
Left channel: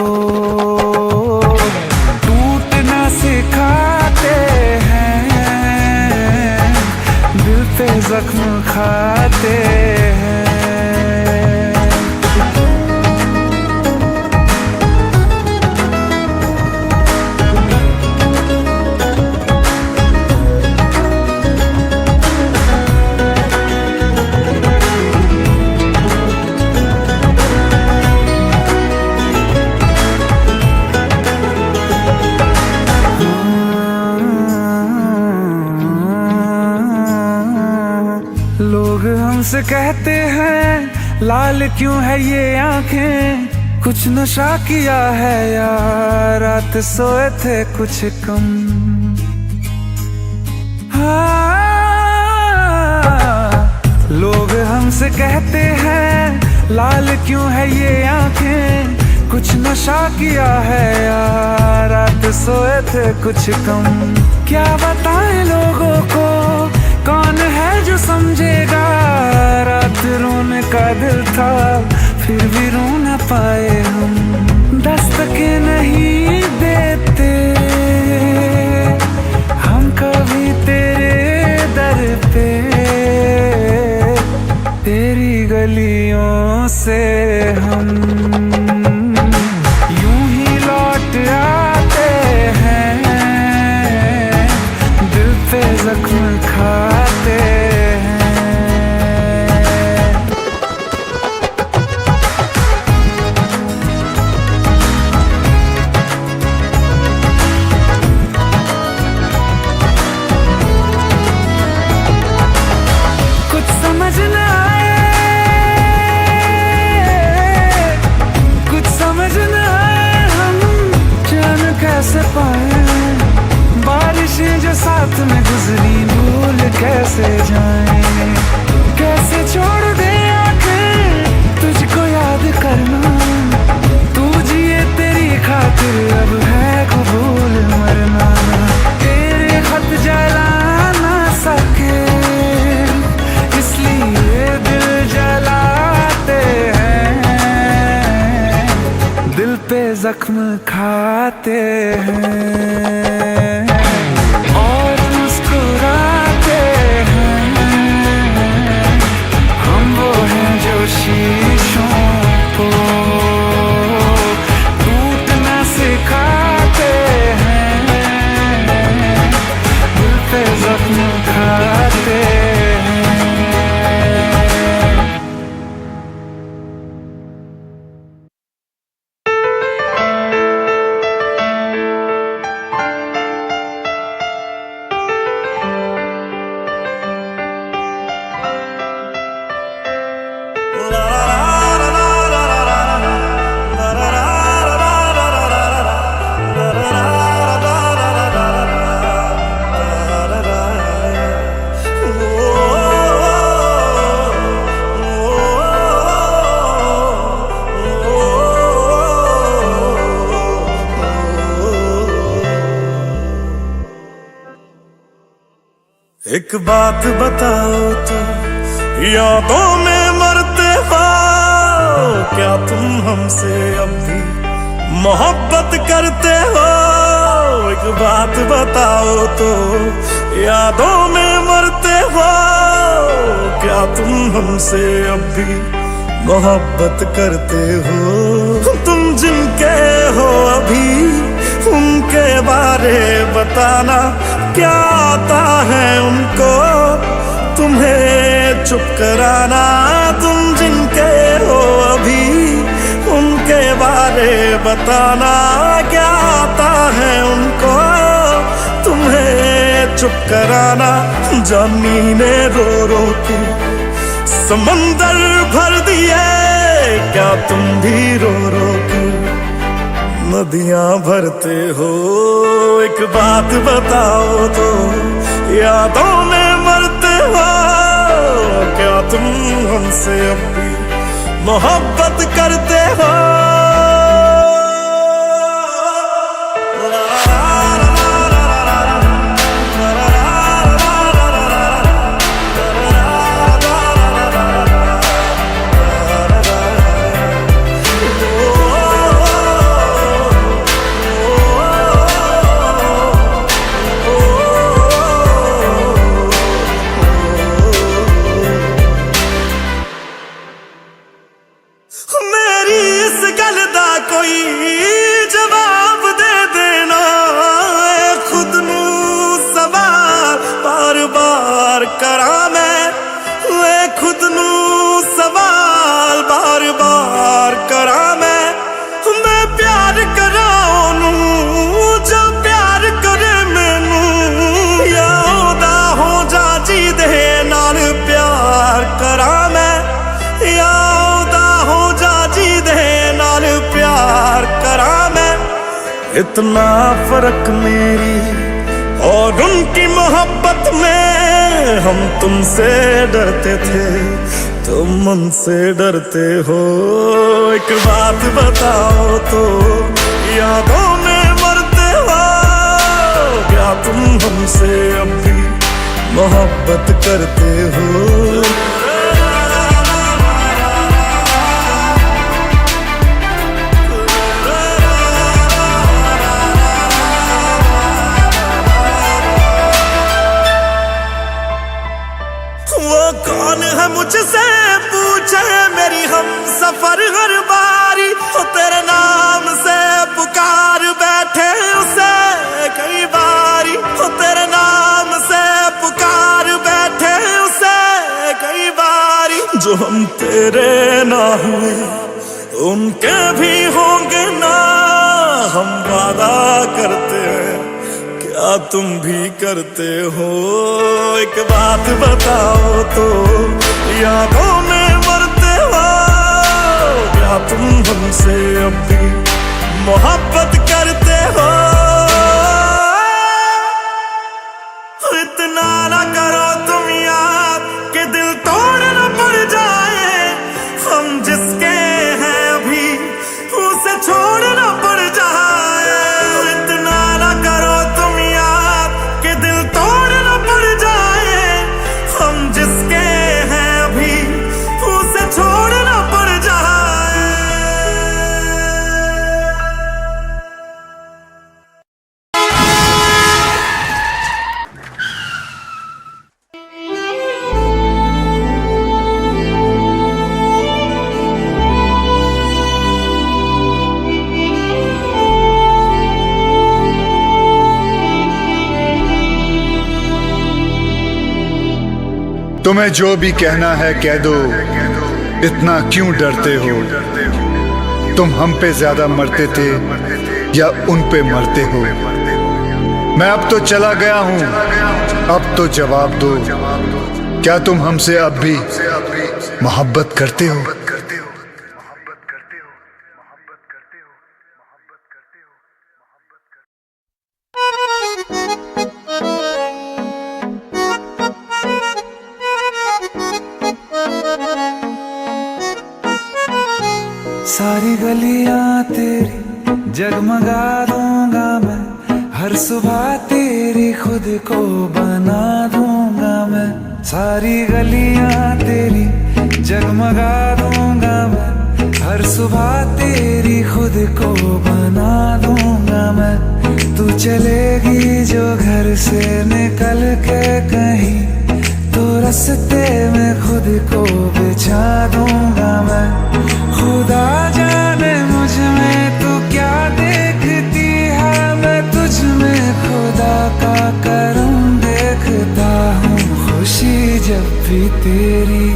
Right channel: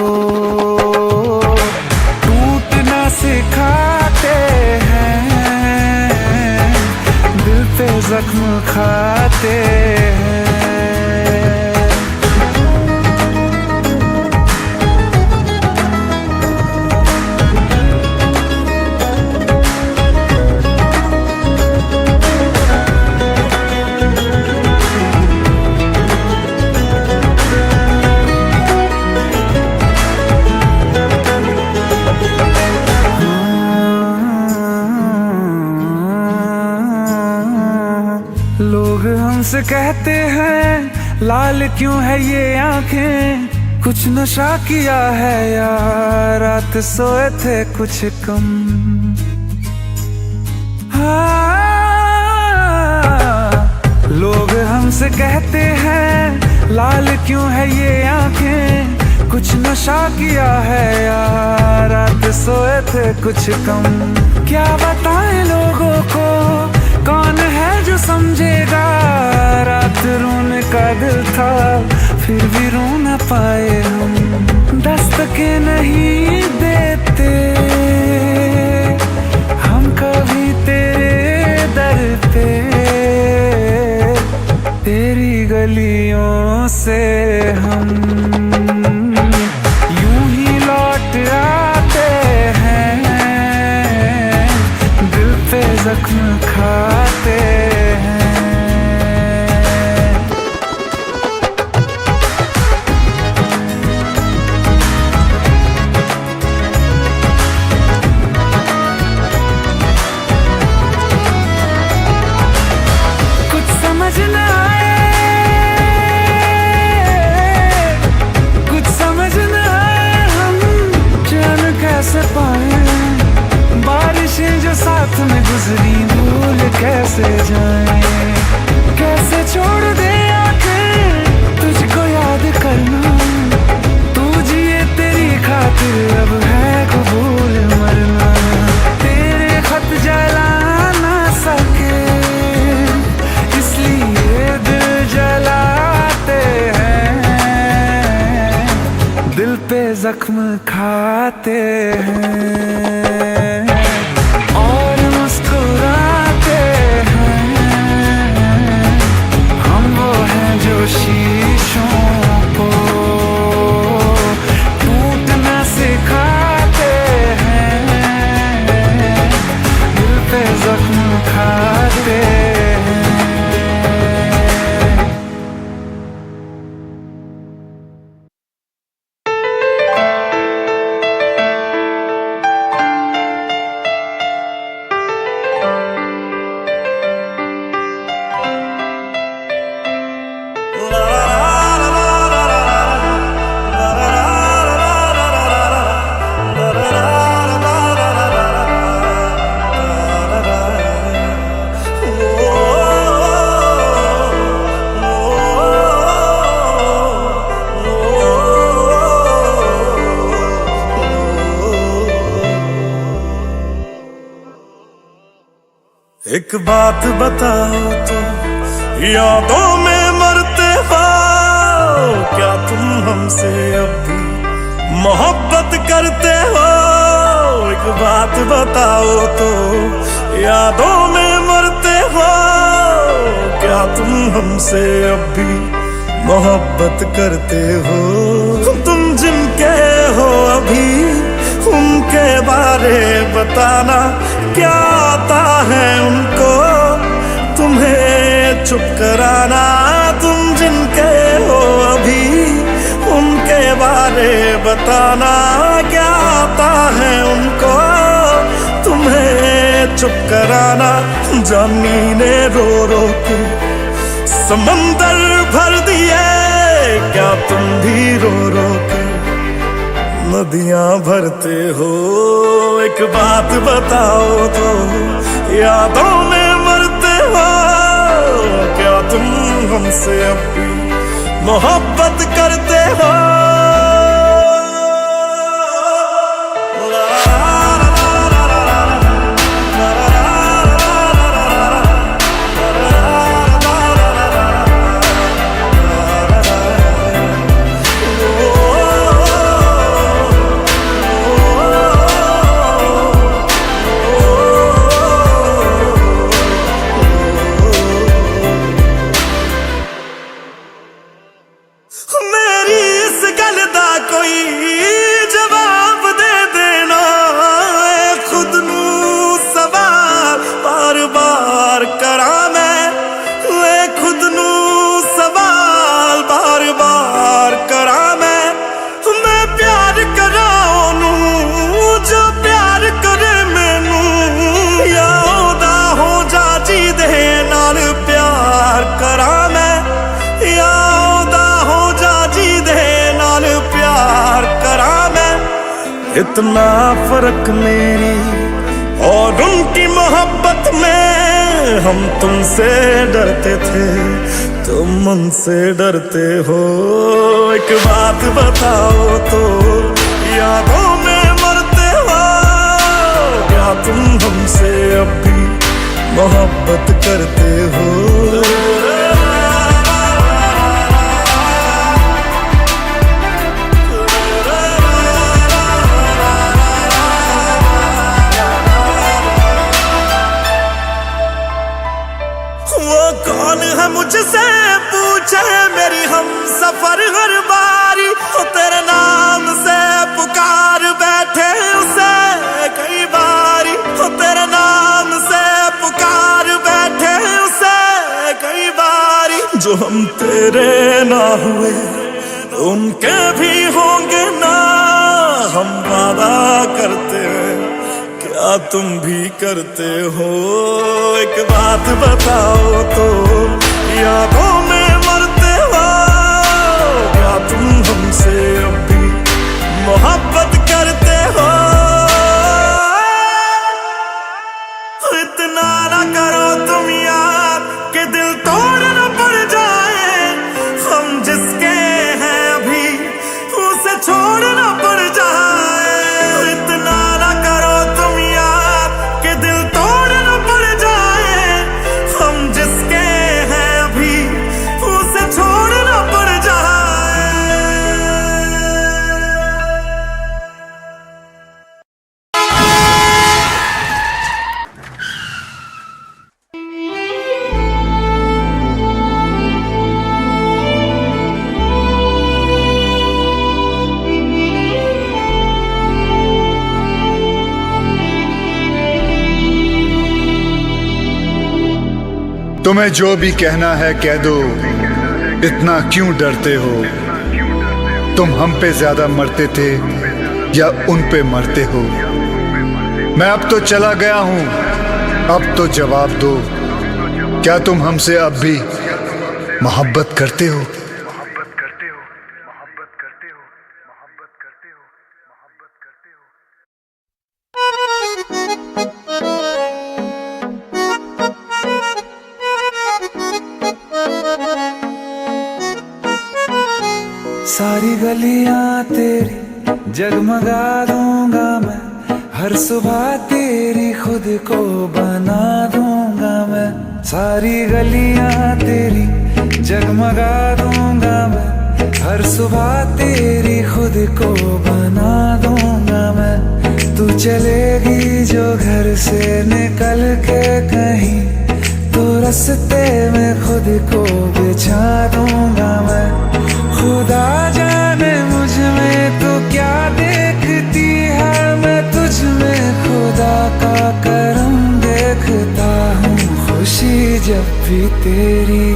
टूटना सिखाते हैं। दिल पे जख्म खाते हैं। लोग हमसे कहते हैं लाल क्यों है ये आंखें। कुछ नशा किया है या रात सोए थे कुछ कम। हाँ, लोग हमसे कहते हैं लाल क्यों है ये आंखें। कुछ नशा किया है या रात सोए थे कुछ कम। क्या बताएं लोगों को कौन है जो समझेगा। रात रोने का दिल था फिर भी रो न पाए हम। दस्तकें नहीं देते हम कभी तेरे दर पे। तेरी गलियों से हम यूं ही लौट आते हैं। दिल पे जख्म खाते हैं। कुछ समझ न आए, कुछ समझ न आए हम चैन कैसे पाए। बारिशें जो साथ में गुजरी भूल कैसे जाएं। कैसे छोड़ दे आंखें तुझको याद करना। तू जिए तेरी खातिर अब है कबूल मरना। तेरे खत जला ना सके इसलिए दिल जलाते हैं। दिल पे जख्म खाते हैं और मुस्कुराते हैं। हम वो हैं जो शीशों को टूटना सिखाते हैं। दिल पे जख्म खाते हैं। एक बात बताओ तो यादों में मरते हो क्या तुम हमसे अब भी मोहब्बत करते हो। एक बात बताओ तो, यादों में मरते हो क्या तुम हमसे अब भी मोहब्बत करते हो? तुम जिनके हो अभी उनके बारे बताना, क्या आता है उनको तुम्हें चुप कराना? तुम जिनके हो अभी उनके बारे बताना, क्या आता है उनको तुम्हें चुप कराना? जानी ने रो रो के समंदर भर दिए, क्या तुम भी रो रो के नदियां भरते हो? एक बात बताओ तो, यादों में मरते हो क्या तुम हमसे अब भी मोहब्बत करते हो? मेरी इस गल दा कोई जवाब दे देना, खुद नू सवाल बार बार करा मैं, खुद नू सवाल बार बार करा मैं प्यार करा ओनू जो प्यार करे मैनू, या ओदा हो जा जी दे नाल प्यार करा मैं, या ओदा हो जा जी दे नाल प्यार करा मैं। इतना फर्क मेरी और उनकी मोहब्बत में, हम तुमसे डरते थे तुम उनसे डरते हो। एक बात बताओ तो, यादों में मरते हो क्या तुम हमसे अब भी मोहब्बत करते हो? वो कौन है मुझसे पूछे मेरी हम सफर हर बारी, वो तेरे नाम से पुकार बैठे उसे कई बारी, वो तेरे नाम से पुकार बैठे उसे कई बारी। जो हम तेरे ना हुए उनके भी होंगे ना, हम वादा करते हैं क्या तुम भी करते हो? एक बात बताओ तो, यादों में मरते हो क्या तुम हमसे अब भी मोहब्बत करते हो? इतना ना करो तुम याद कि दिल तोड़ना पड़ जाए, हम जिसके हैं अभी उसे छोड़ना पड़ जाए। इतना ना करो तुम याद कि दिल तोड़ना पड़ जाए, हम जिसके हैं अभी उसे छोड़ना पड़ जाए। तुम्हें जो भी कहना है कह दो, इतना क्यों डरते हो? तुम हम पे ज्यादा मरते थे या उन पे मरते हो? मैं अब तो चला गया हूं, अब तो जवाब दो, क्या तुम हमसे अब भी मोहब्बत करते हो? सारी गलियां तेरी जगमगा दूंगा मैं, हर सुबह तेरी खुद को बना दूंगा मैं। सारी गलियां तेरी जगमगा दूंगा मैं, हर सुबह तेरी खुद को बना दूंगा मैं। तू चलेगी जो घर से निकल के कहीं, तो रास्ते में खुद को बिछा दूंगा मैं। खुदा जाने मुझ में तू क्या देखती है, मैं तुझ में खुदा का करम देखता हूँ। खुशी जब भी तेरी,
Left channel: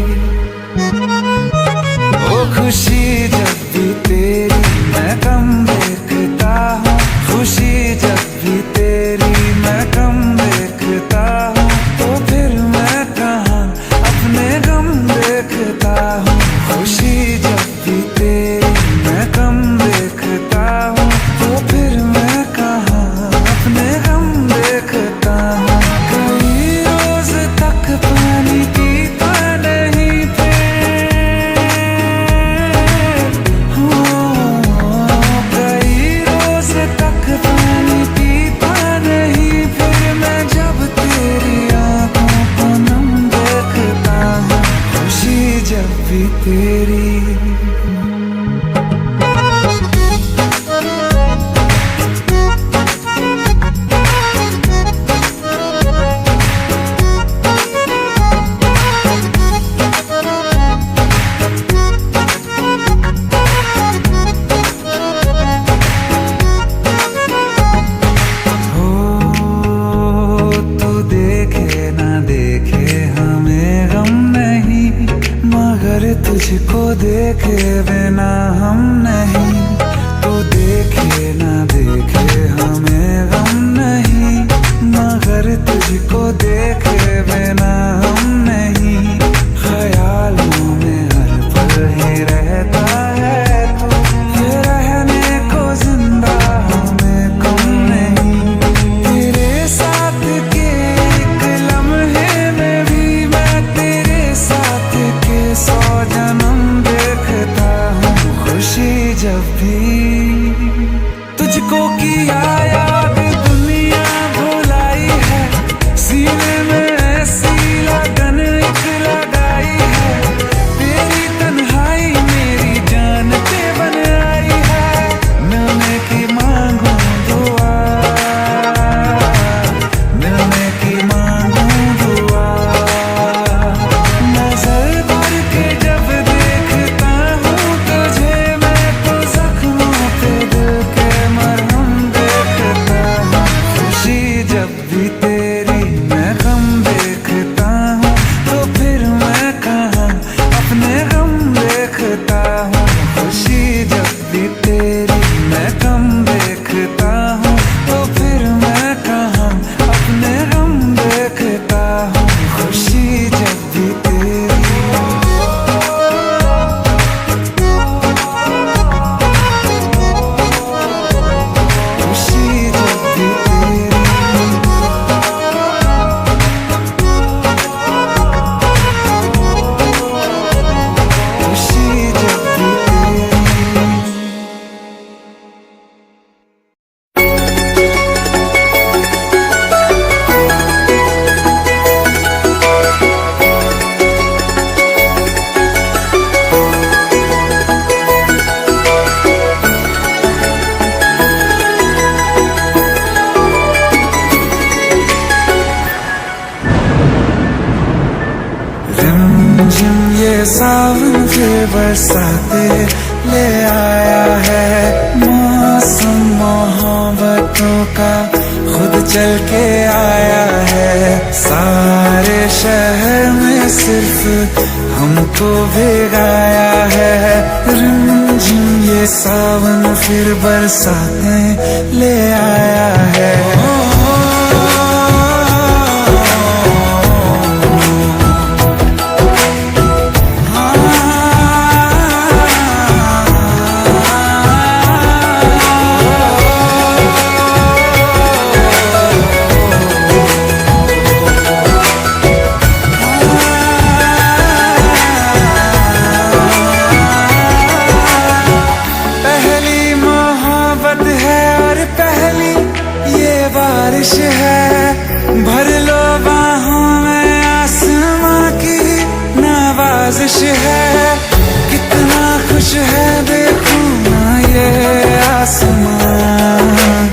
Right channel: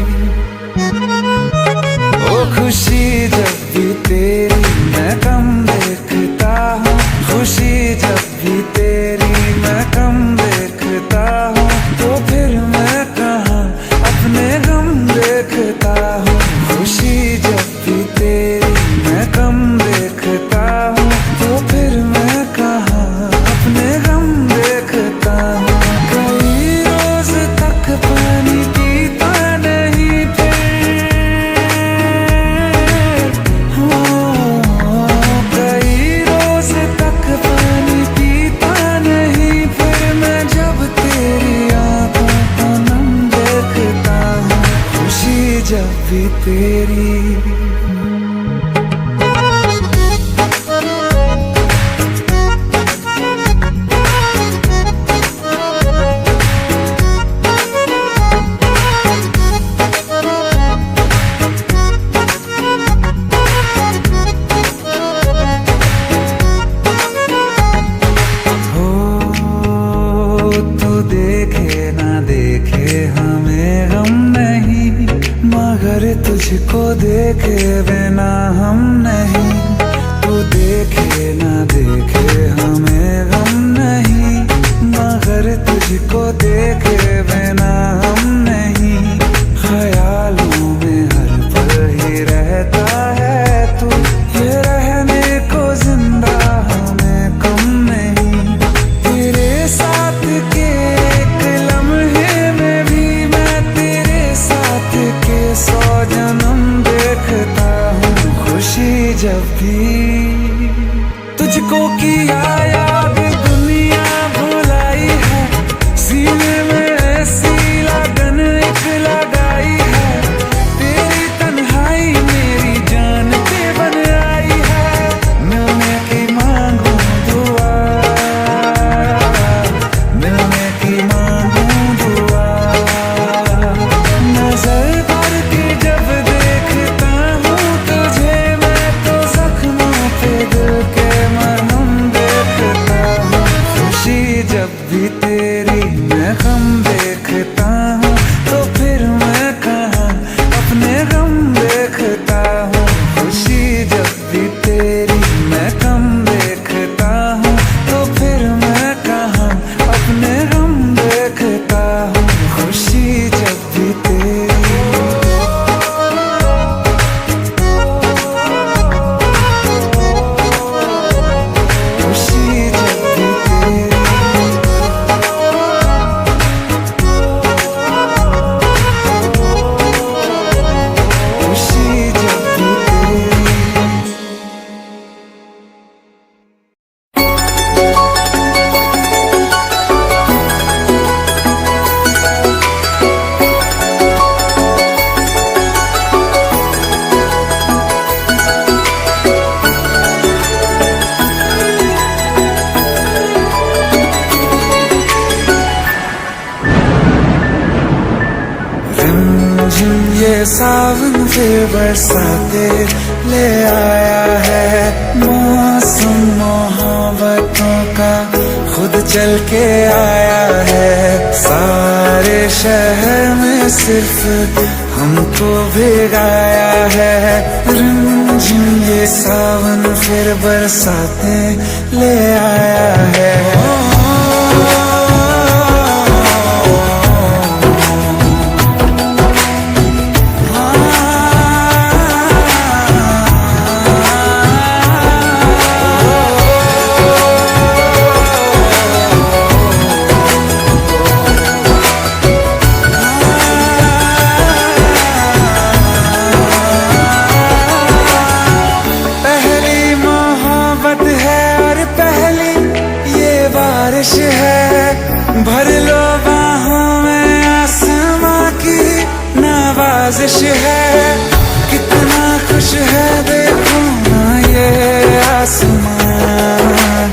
ओ खुशी जब भी तेरी मैं कम देखता हूँ। खुशी जब भी तेरी मैं कम देखता हूँ, तो फिर मैं कहाँ अपने गम देखता हूँ। खुशी जब भी तेरी मैं कम देखता हूँ, तो फिर मैं कहाँ अपने गम देखता हूँ। कई रोज तक पानी पीता नहीं फिर, कई रोज तक पानी पीता नहीं फिर, मैं जब तेरी आंखों को नम देखता हूँ। खुशी जब भी तेरी। तुझको देखे बिना हम नहीं, तू देखे ना देखे हमें गम नहीं, मगर तुझको देखे बिना हम नहीं। ख्यालों में हर पल ही रहता है तू, ये रहने को जिंदा हमें कम नहीं। तेरे साथ के एक लम्हे में भी मैं तेरे साथ के 100 जन्म देखता हूँ। खुशी जब भी तुझको किया याद दुनिया भुलाई है, सीने में ऐसी लगन एक लगाई है। तेरी तन्हाई मेरी जान पे बन आई है, मिलने की मांगू दुआ, मिलने की मांगू दुआ। नजर भर के जब देखता हूँ तुझे, मैं तो जख्मों पे दिल के मरहम देखता हूँ। खुशी जब भी तेरी मैं गम देखता हूँ, तो फिर मैं कहाँ अपने गम देखता हूँ। खुशी जब भी तेरी मैं कम देखता हूँ, तो फिर मैं कहाँ अपने गम देखता हूँ। खुशी जब भी तेरी। रिमझिम ये सावन फिर बरसाते ले आया है, मौसम मोहब्बतों का खुद चल के आया है। सारे शहर में सिर्फ हमको भिगाया है। रिमझिम ये सावन फिर बरसाते ले आया है। बारिश है, भर लो बाहों में आसमां की नवाजिश है। कितना खुश है देखो ना ये आसमां,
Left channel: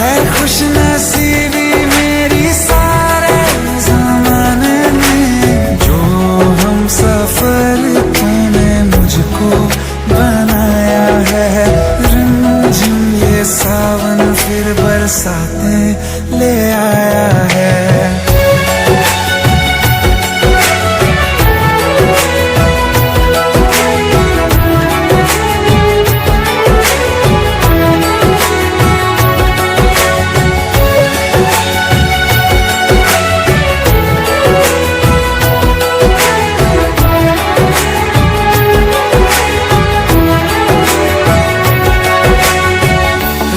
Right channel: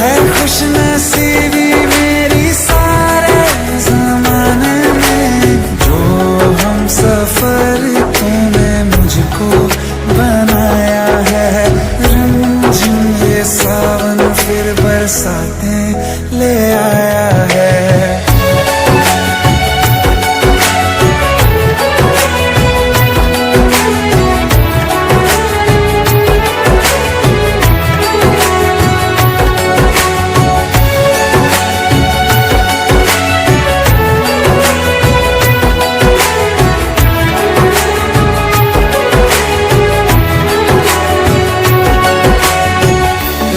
है खुश नसीबी मेरी सारे जमाने में, जो हम सफर तूने मुझको बनाया है। रिमझिम ये सावन फिर बरसातें ले आया है।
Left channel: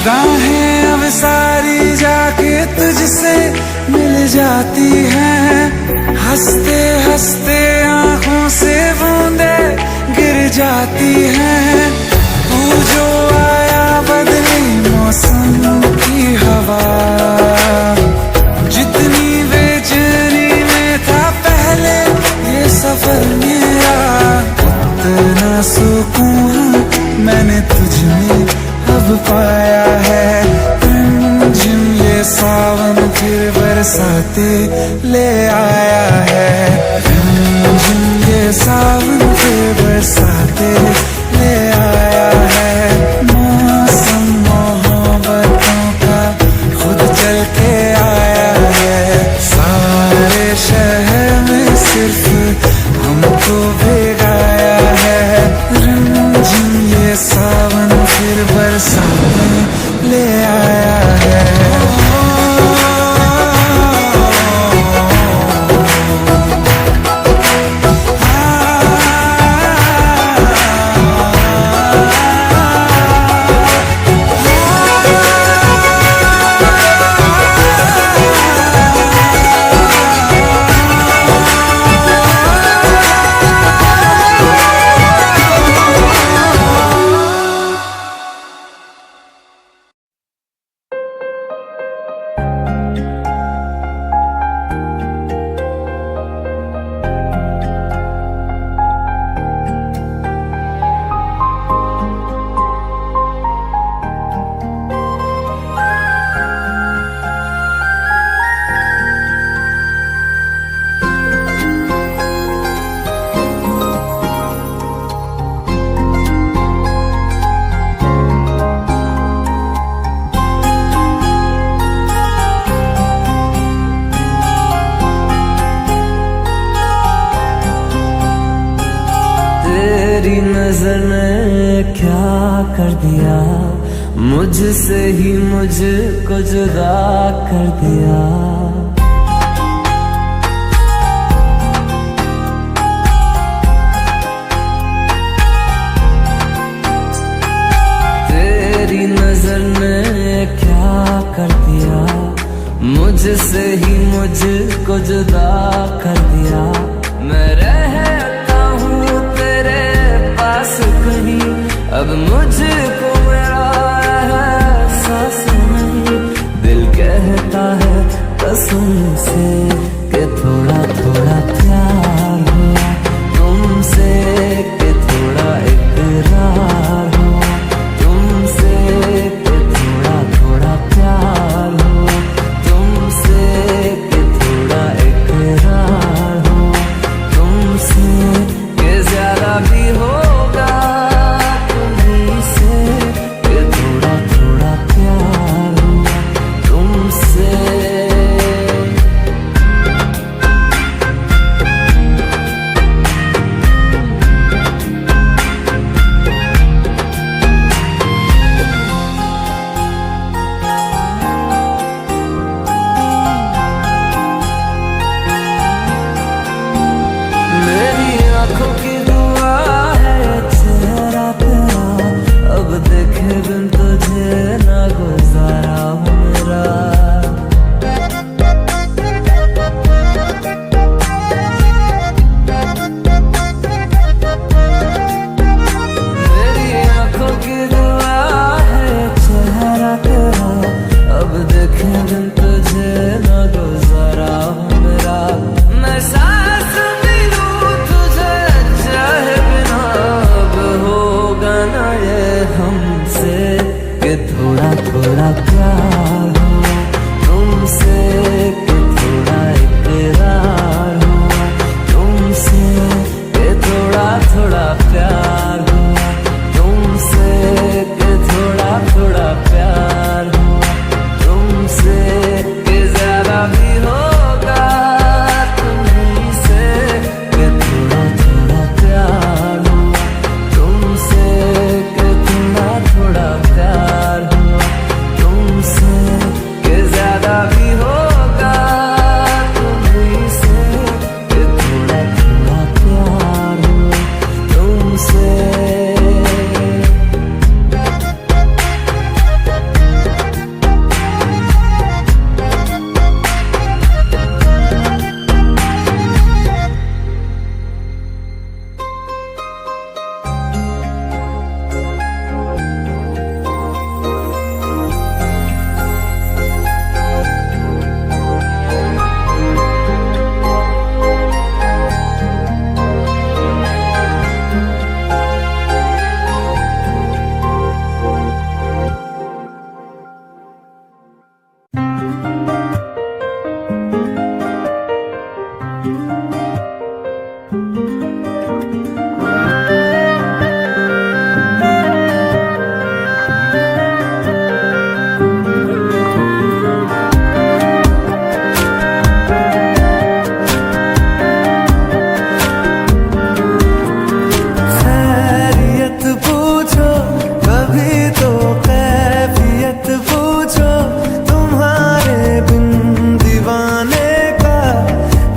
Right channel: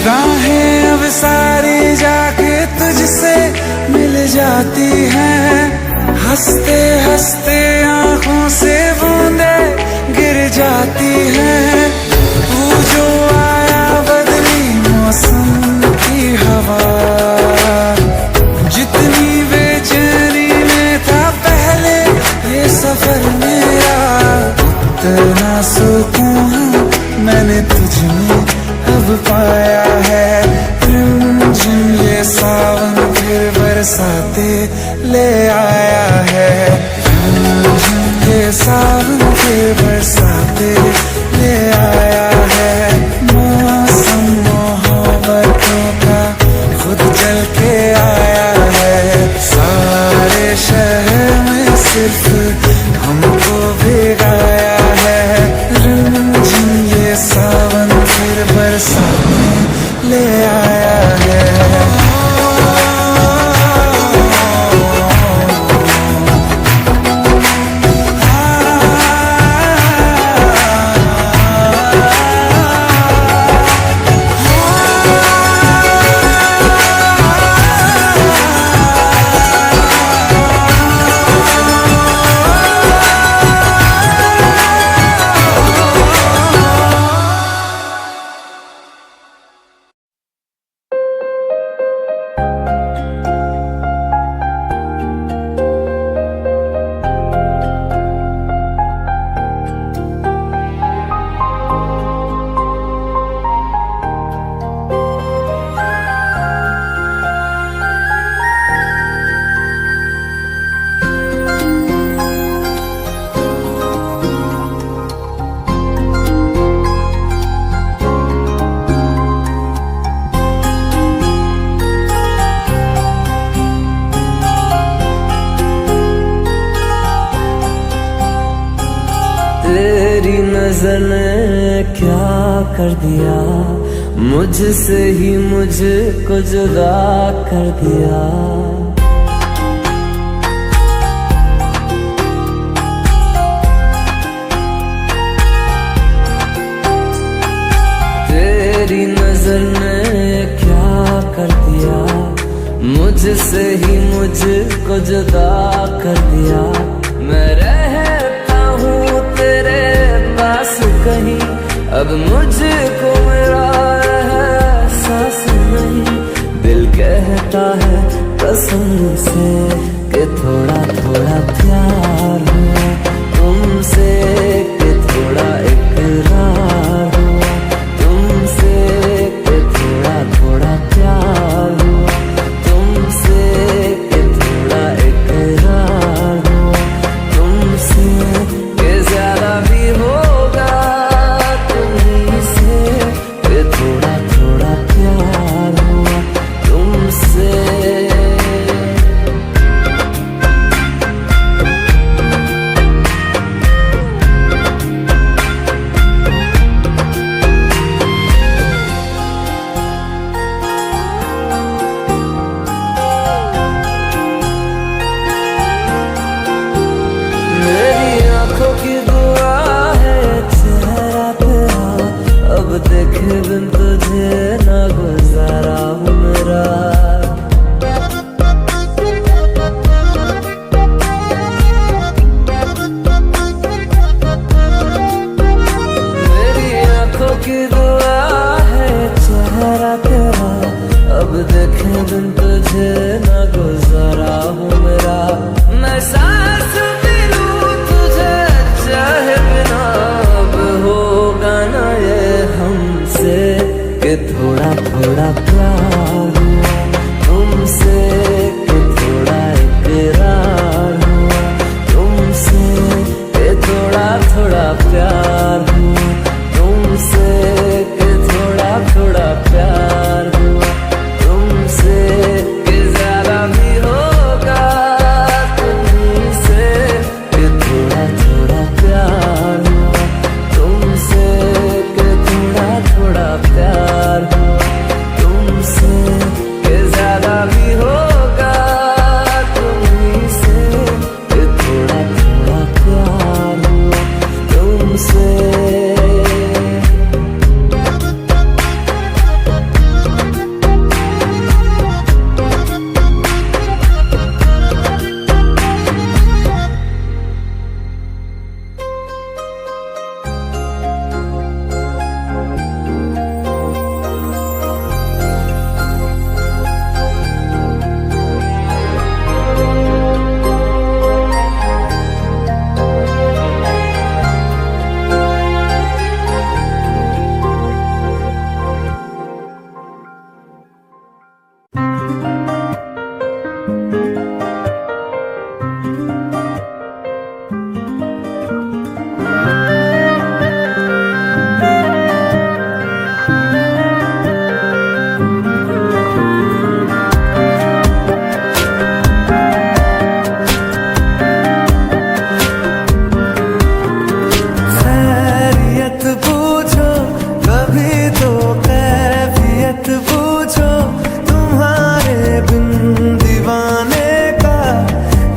राहें अब सारी जाके तुझसे मिल जाती हैं, हंसते हंसते आंखों से बूंदे गिर जाती हैं। तू जो आया बदली मौसम की हवा, जितनी बेचैनी में था पहले ये सफर मेरा, उतना सुकून मैंने तुझ में अब पाया है। रिमझिम ये सावन फिर बरसाते ले आया है। रिमझिम ये सावन फिर बरसाते ले आया है। मौसम मोहब्बतों का खुद चल के आया है। सारे शहर में सिर्फ हमको भिगाया है। रिमझिम ये सावन फिर बरसाने ले आया है। तेरी नजर ने क्या कर दिया, मुझसे ही मुझको जुदा कर दिया। तेरी नजर ने क्या कर दिया, मुझसे ही मुझको जुदा कर दिया। मैं रहता हूँ तेरे पास कहीं, अब मुझको मेरा एहसास नहीं। दिल कहता है कसम से कि थोड़ा थोड़ा प्यार हुआ तुमसे, कि थोड़ा इकरार हुआ तुमसे, कि थोड़ा थोड़ा प्यार हुआ तुमसे, कि थोड़ा इकरार हुआ तुमसे, कि ज्यादा भी होगा तुम्ही से, कि थोड़ा थोड़ा प्यार हुआ तुमसे। आँखों की दुआ है चेहरा तेरा, अब देखे बिन तुझे ना गुजारा हूँ मेरा। मेरी आँखों की दुआ है चेहरा तेरा, अब देखे बिन तुझे ना गुजारा हूँ मेरा। मैं सांस चाहे बिना अब होगा ना ये हमसे, कि थोड़ा थोड़ा प्यार हुआ तुमसे, कि थोड़ा इकरार हुआ तुमसे, कि थोड़ा थोड़ा प्यार हुआ तुमसे, कि थोड़ा थोड़ा प्यार हुआ तुमसे, कि ज्यादा भी होगा तुम्ही से, कि थोड़ा थोड़ा प्यार हुआ तुमसे, कि थोड़ा थोड़ा प्यार हुआ तुमसे, कि ज्यादा भी होगा तुम्ही से, कि थोड़ा थोड़ा प्यार हुआ तुमसे। पूछो तुम्हारे बिन दीवाने का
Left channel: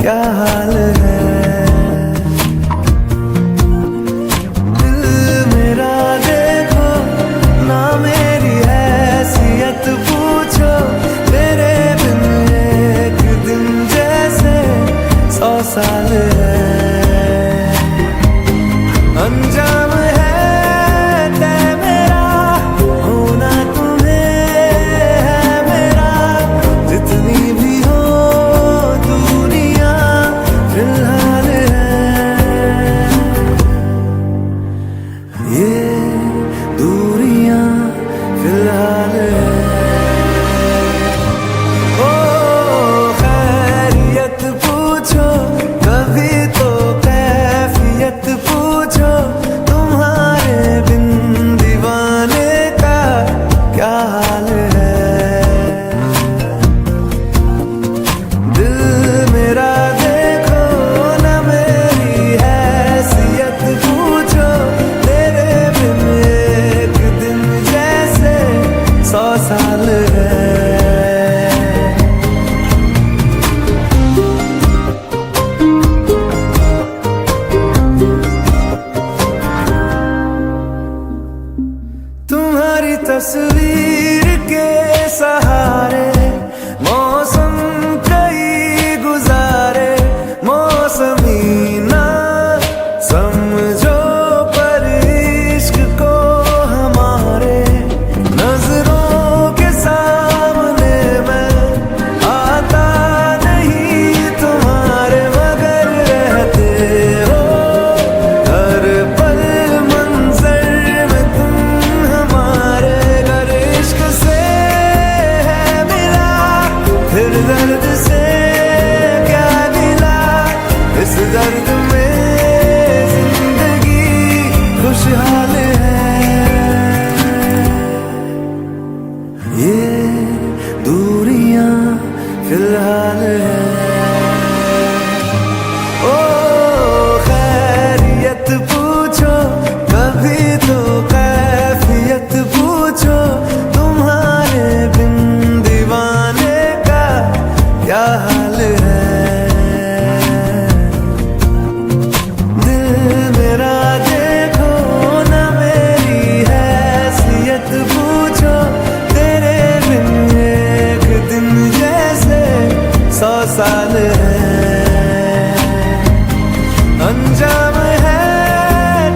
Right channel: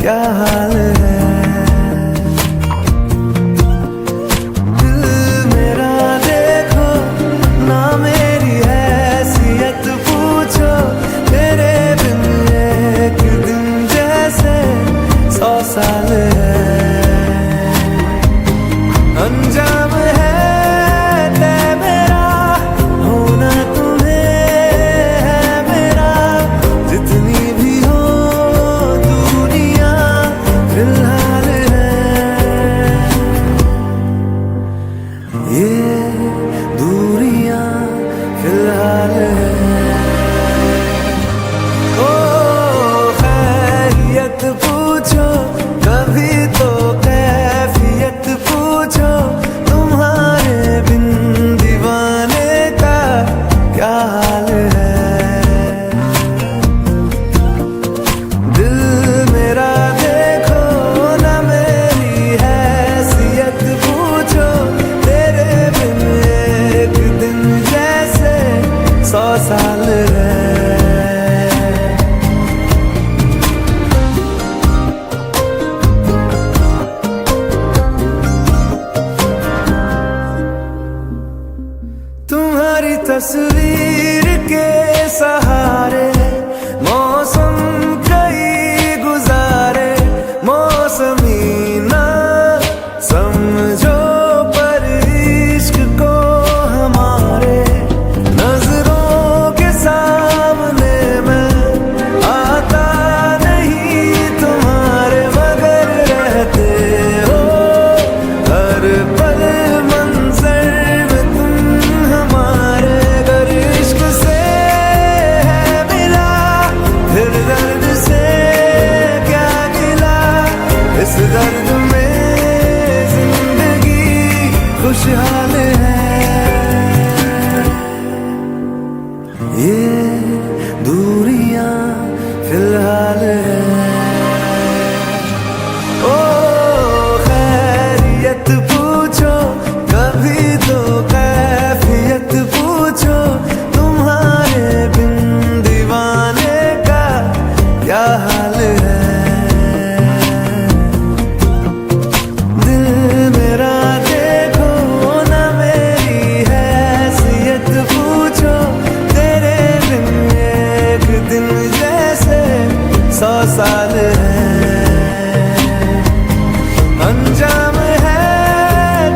क्या हाल है। दिल मेरा देखो ना मेरी हैसियत पूछो, तेरे बिन एक दिन जैसे 100 साल है। अंजाम है तय मेरा होना तुम्हें है मेरा, जितनी भी हो दूरियां फिलहाल है। ये दूरियां फिलहाल है। ओ खैरियत पूछो कभी तो कैफियत पूछो, तुम्हारे बिन दीवाने का क्या हाल है। दिल मेरा देखो ना मेरी हैसियत पूछो, तेरे बिन एक दिन जैसे 100 साल है। तुम्हारी तस्वीर के सहारे मौसम कई गुजारे, मौसमी ना समझो पर इश्क को हमारे, नजरों के सामने मैं आता नहीं तुम्हारे, मगर रहते हो हर पल मंजर में तुम हमारे। अगर इश्क से है मिला फिर दर्द से क्या गिला, इस दर्द में जिंदगी खुशहाल है। ये दूरियां फिलहाल है। ओ खैरियत पूछो कभी तो कैफियत पूछो, तुम्हारे बिन दीवाने का क्या हाल है। दिल मेरा देखो ना मेरी हैसियत पूछो, तेरे बिन एक दिन जैसे 100 साल है। अंजाम है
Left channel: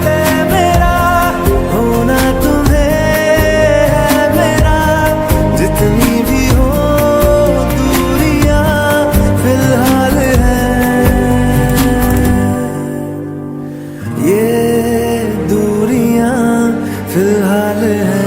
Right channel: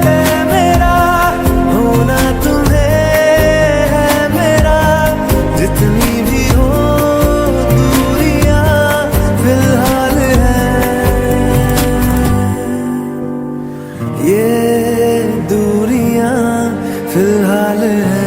तय मेरा होना तुम्हें है मेरा, जितनी भी हो दूरियां फिलहाल है। ये दूरियां फिलहाल है।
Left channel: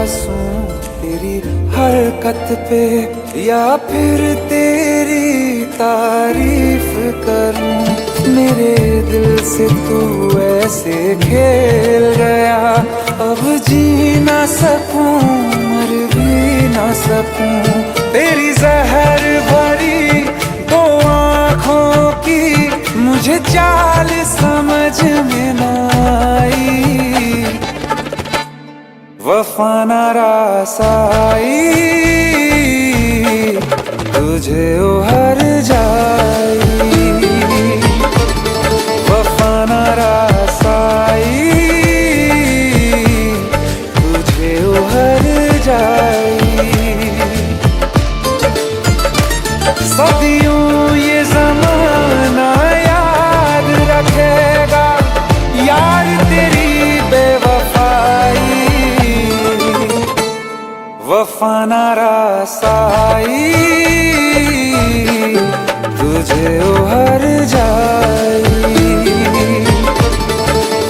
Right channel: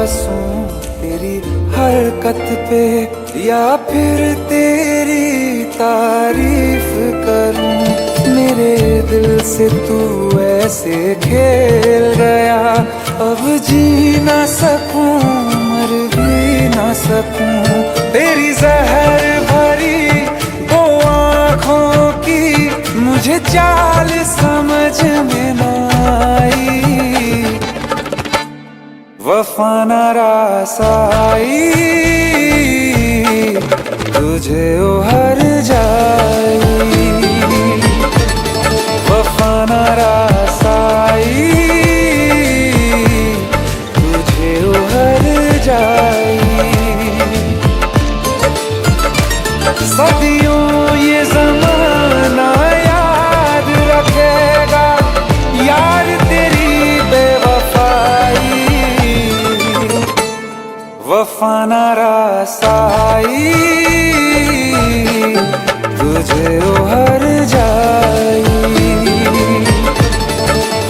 हंसूं तेरी हरकत पे या फिर तेरी तारीफ करूं। मेरे दिल से तू ऐसे खेल गया, अब जी ना सकूं मर भी ना सकूं। तेरी जहर भरी दो आँखों की मुझे चाल समझ में ना आई, वफा न रासाई तुझे उहर जाई, वफा न रासाई तुझे उहर जाई। सदियों ये ज़माना याद रखेगा यार तेरी बेवफाई, वफा न रासाई तुझे उहर जाई,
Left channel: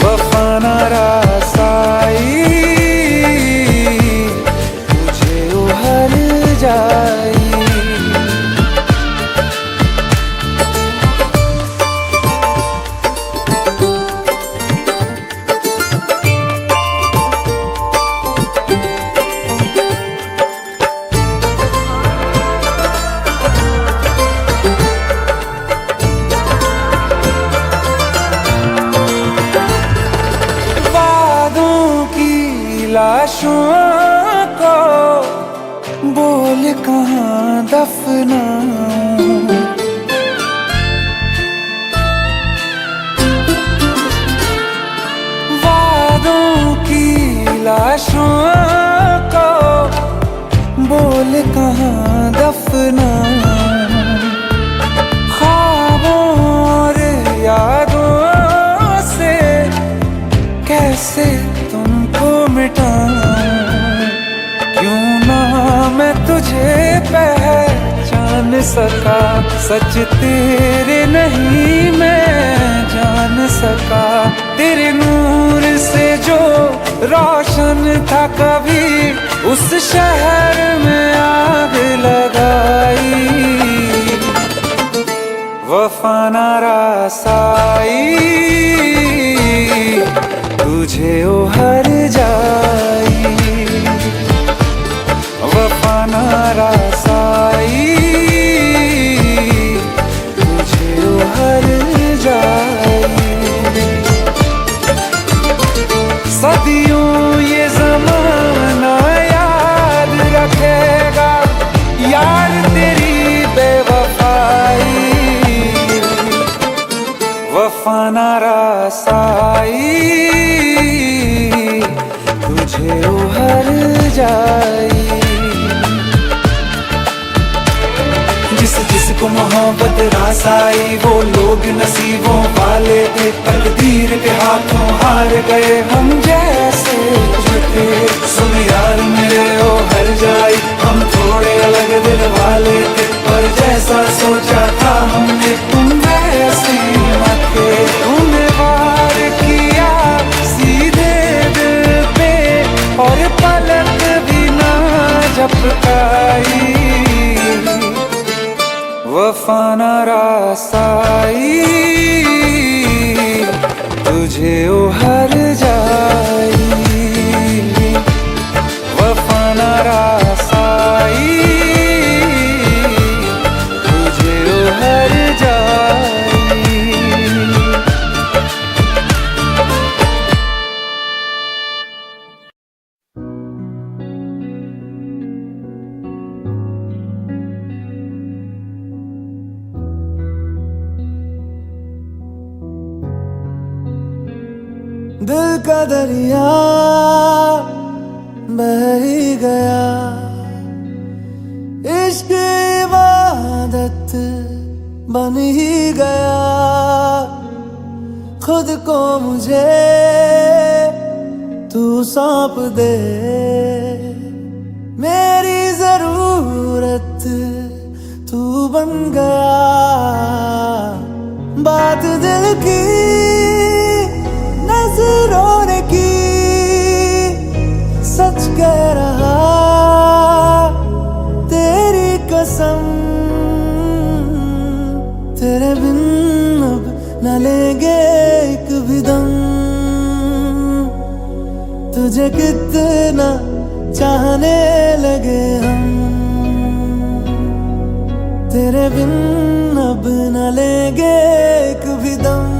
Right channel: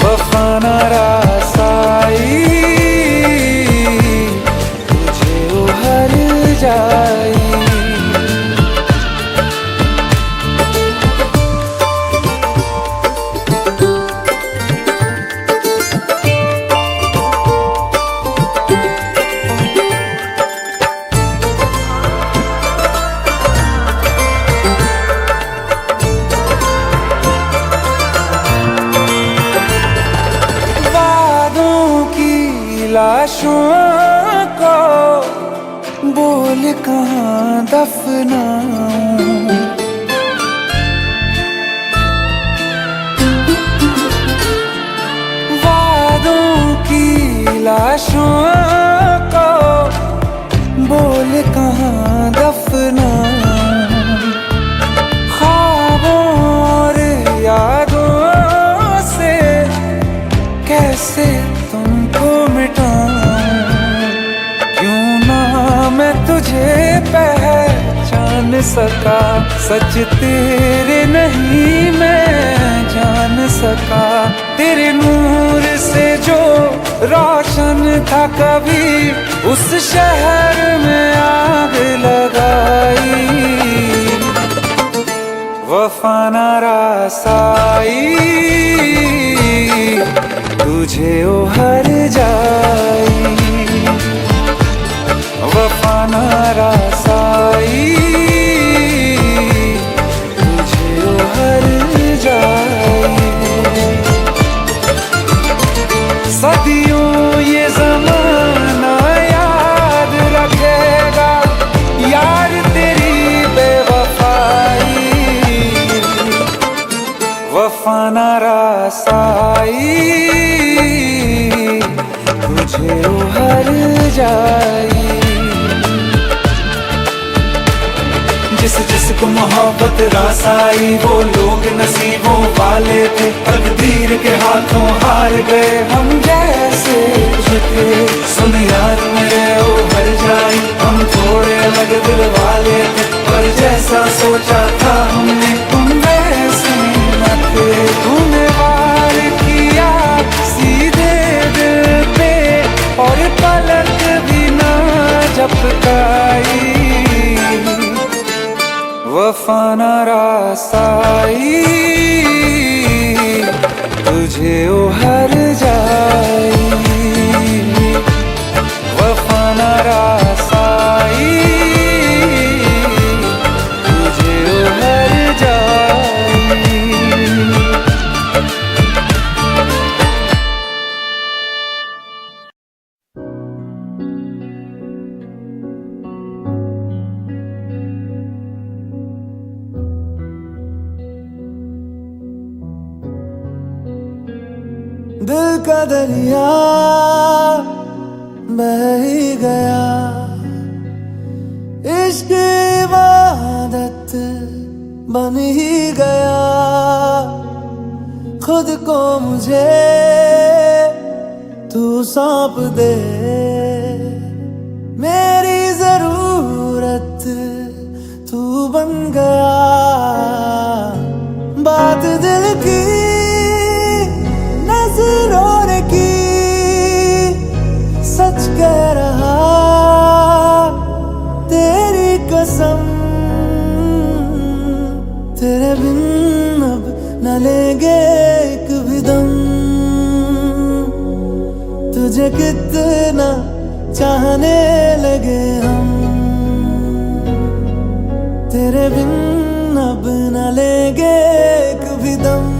वफा न रासाई तुझे उहर जाई। लाशों को बोल कहाँ दफनाऊं, वादों की लाशों को बोल कहाँ दफनाऊं। ख्वाबों और यादों से कैसे तुमको मिटाऊं, क्यों ना मैं तुझे पहचान सका, सच तेरे नहीं मैं जान सका। तेरे नूर से जो रोशन था कभी उस शहर में आग लगाई, वफा न रासाई तुझे उहर जाई, वफा न रासाई तुझे उहर जाई। सदियों ये ज़माना याद रखेगा यार तेरी बेवफाई, वफा न रासाई तुझे उहर जाई। जिस जिसको मोहब्बत रास आई वो लोग नसीबों वाले थे, तकदीर के हाथों हार गए हम जैसे थे। सुन यार मेरे ओ हर जाई, हम थोड़े अलग दिल वाले थे, पर जैसा सोचा था हमने तुम वैसे न थे। तूने वार किया सीधे दिल पे और पलक भी ना झपकाई, वफा न रासाई तुझे उहर जाई, वफा न रासाई तुझे उहर जाई। दिल का दरिया बह ही गया, इश्क इबादत बन ही गया। खुद को मुझे तू सौंप दे, मेरी जरूरत तू बन गया। बात दिल की नजरों ने की, सच कह रहा तेरे बिन अब न लेंगे एक भी दम, तुझे कितना चाहने लगे हम। तेरे बिन अब न लेंगे एक भी दम,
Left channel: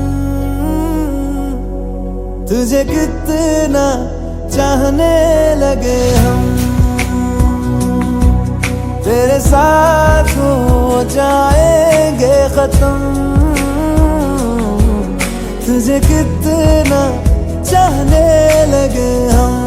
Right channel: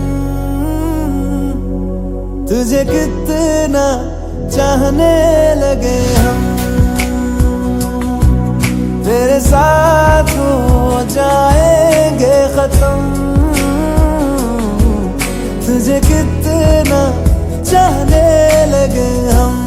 तुझे कितना चाहने लगे हम। तेरे साथ हो जाएंगे खत्म, तुझे कितना चाहने लगे हम।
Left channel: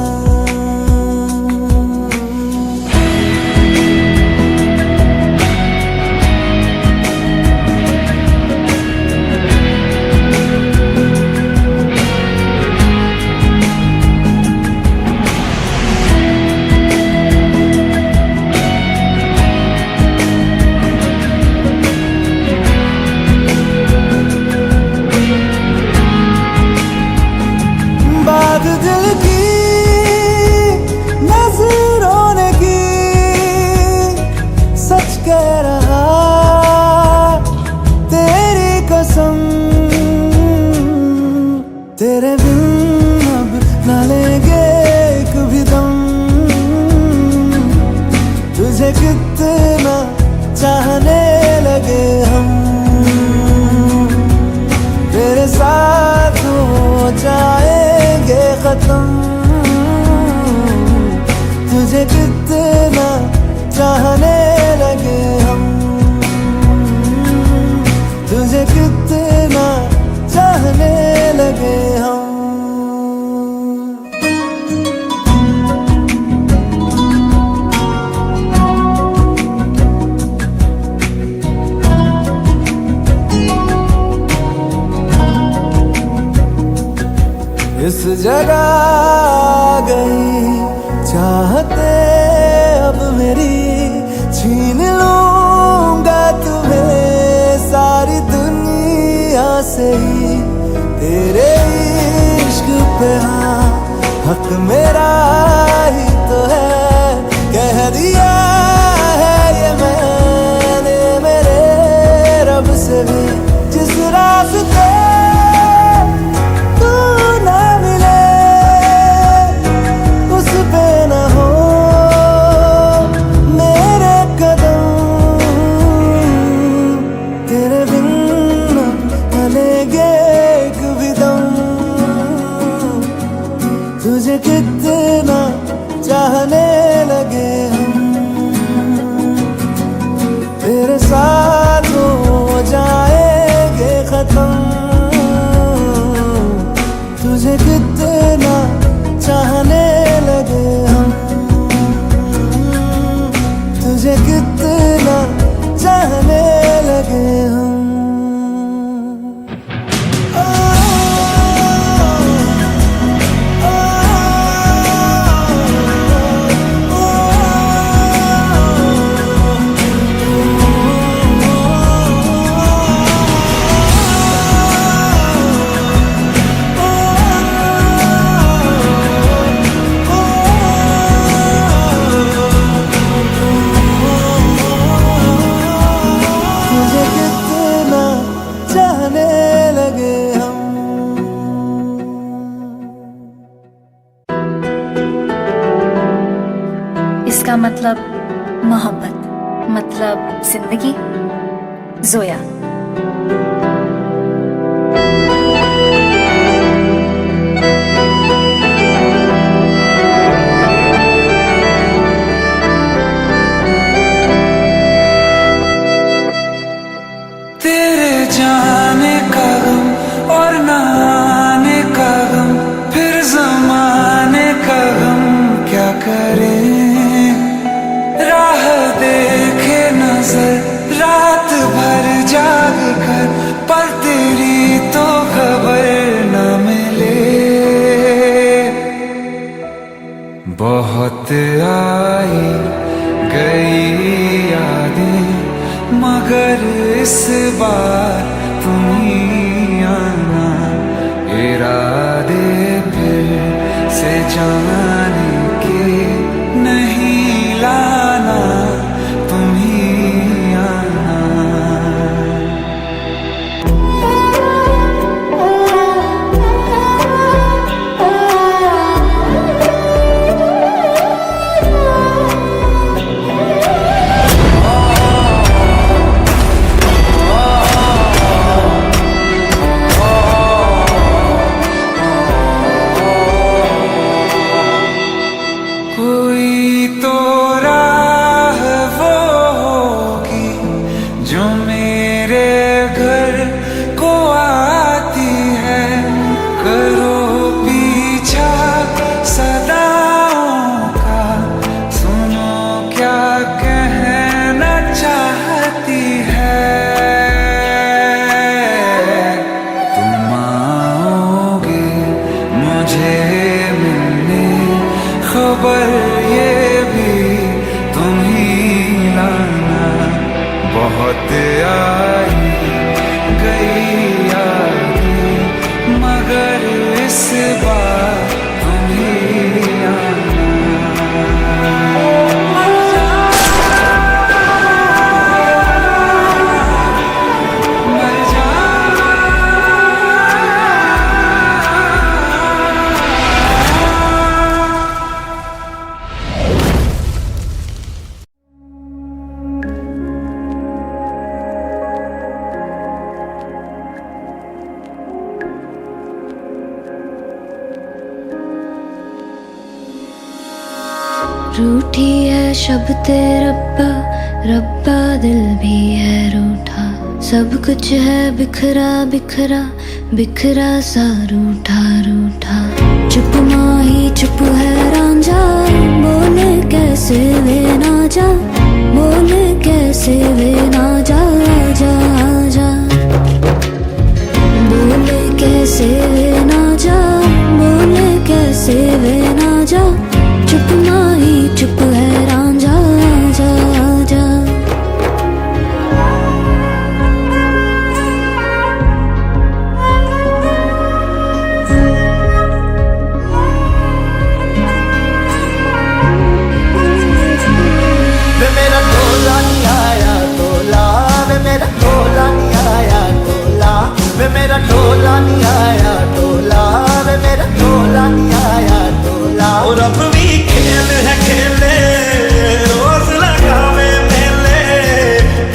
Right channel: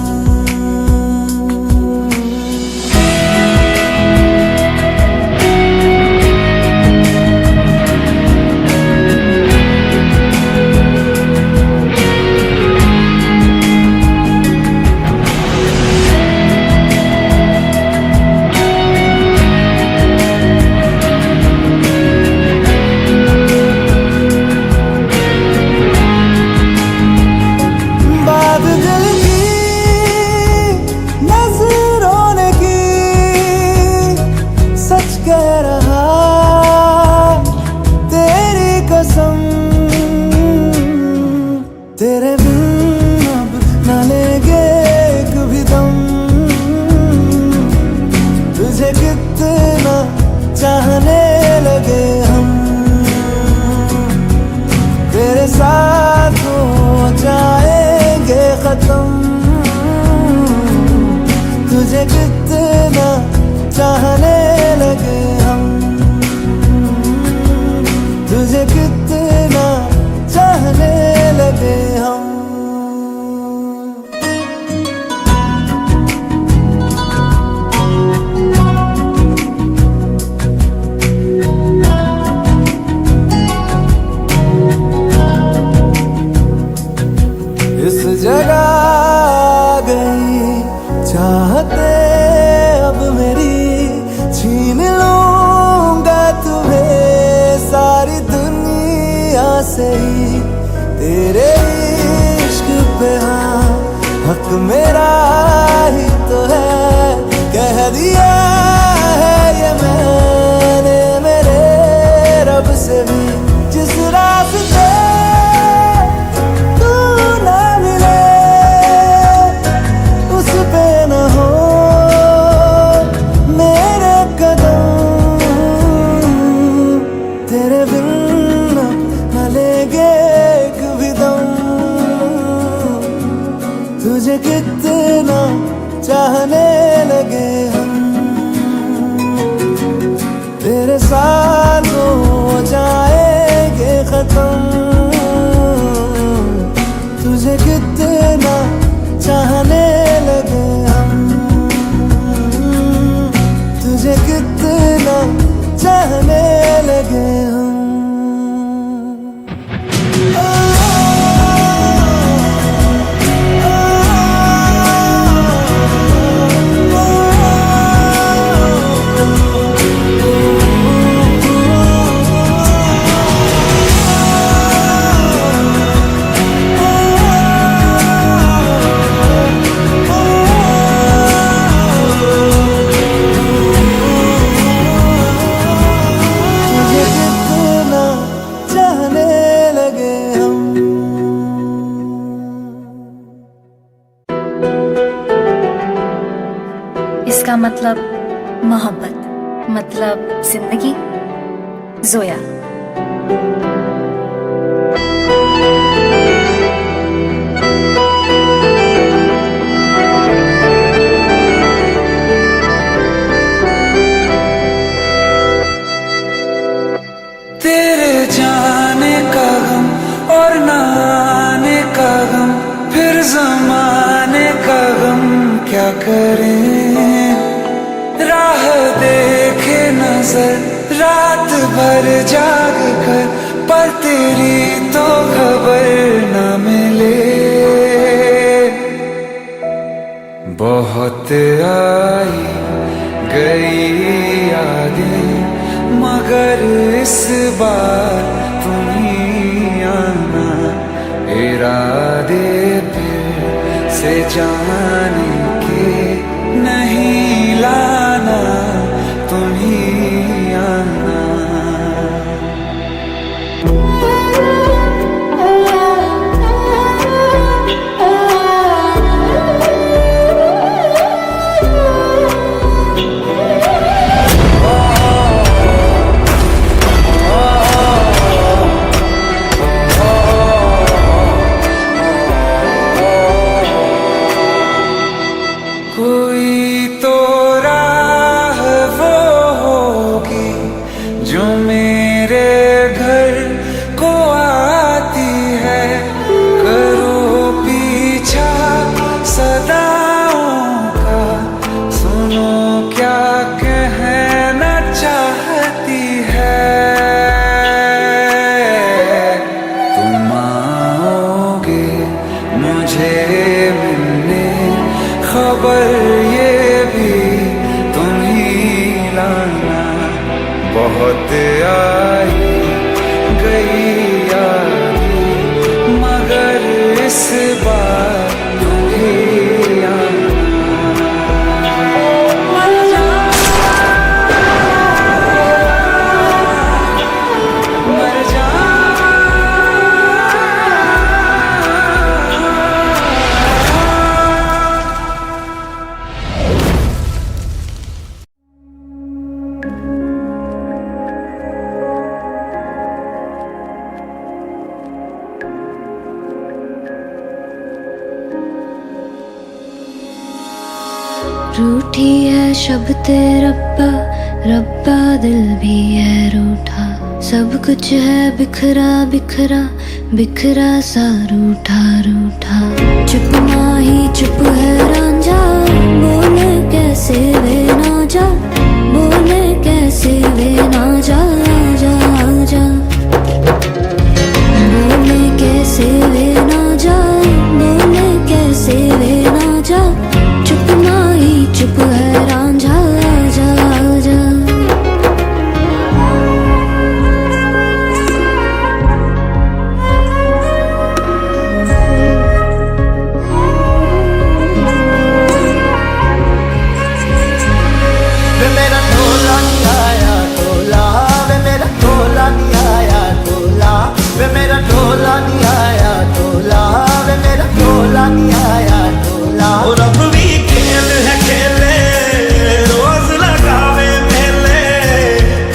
बात दिल की नजरों ने की, सच कह रहा तेरी कसम। तेरे बिन अब न लेंगे एक भी दम, तुझे कितना चाहने लगे हम। तेरे साथ हो जाएंगे खत्म, तुझे कितना चाहने लगे हम। तुझे कितना चाहने लगे हम। इस जगह आ गई चाहते अब मेरी, छीन लूंगा तुम्हें सारी दुनिया से ही। तेरे इश्क पे हाँ हक मेरा ही तो है, कह दिया है ये मैंने मेरे रब से भी। जिस रास्ते ना मिले उस पे न हो मेरे कदम। तेरे बिन अब न लेंगे एक भी दम, तुझे कितना चाहने लगे हम। तेरे साथ हो जाएंगे खत्म, तुझे कितना चाहने लगे हम। तुझे कितना चाहने लगे हम। चाहने लगे हम। इसका मतलब मोहब्बत, मतलब जिंदगी। जोया। तेरे जाने का गम और ना आने का गम, फिर ज़माने का गम क्या करें। राह देखे नजर रात भर जाग कर, पर तेरी तो खबर न मिले। बहुत आई गई यादें मगर इस बार तुम ही आना। इरादे फिर से जाने के नहीं लाना, तुम ही आना। गई यादें, मगर इस बार तुम ही आना। मर जा, मर जा, रूठी है शब्द रब्बा, रब्बा दिल भी है रूठा। सब कुछ है बिखरा बिखरा, बिखरा सा रूठा रूठा। चुप माही चुप है रांझा, बोल कैसे वे ना जा, बोल कैसे वे ना जा जा जा। बोल कैसे वे ना जा, बोल कैसे वे ना जा। चुप माही चुप है रांझा जा जा। वे मेरा टोला नहीं आया टोला, वे मेरा टोला नहीं आया टोला, वे मेरा टोला नहीं आया टोला, वे मेरा टोला नहीं आया टोला। और अब भी खेल है खेले, रोज लगावे मेले,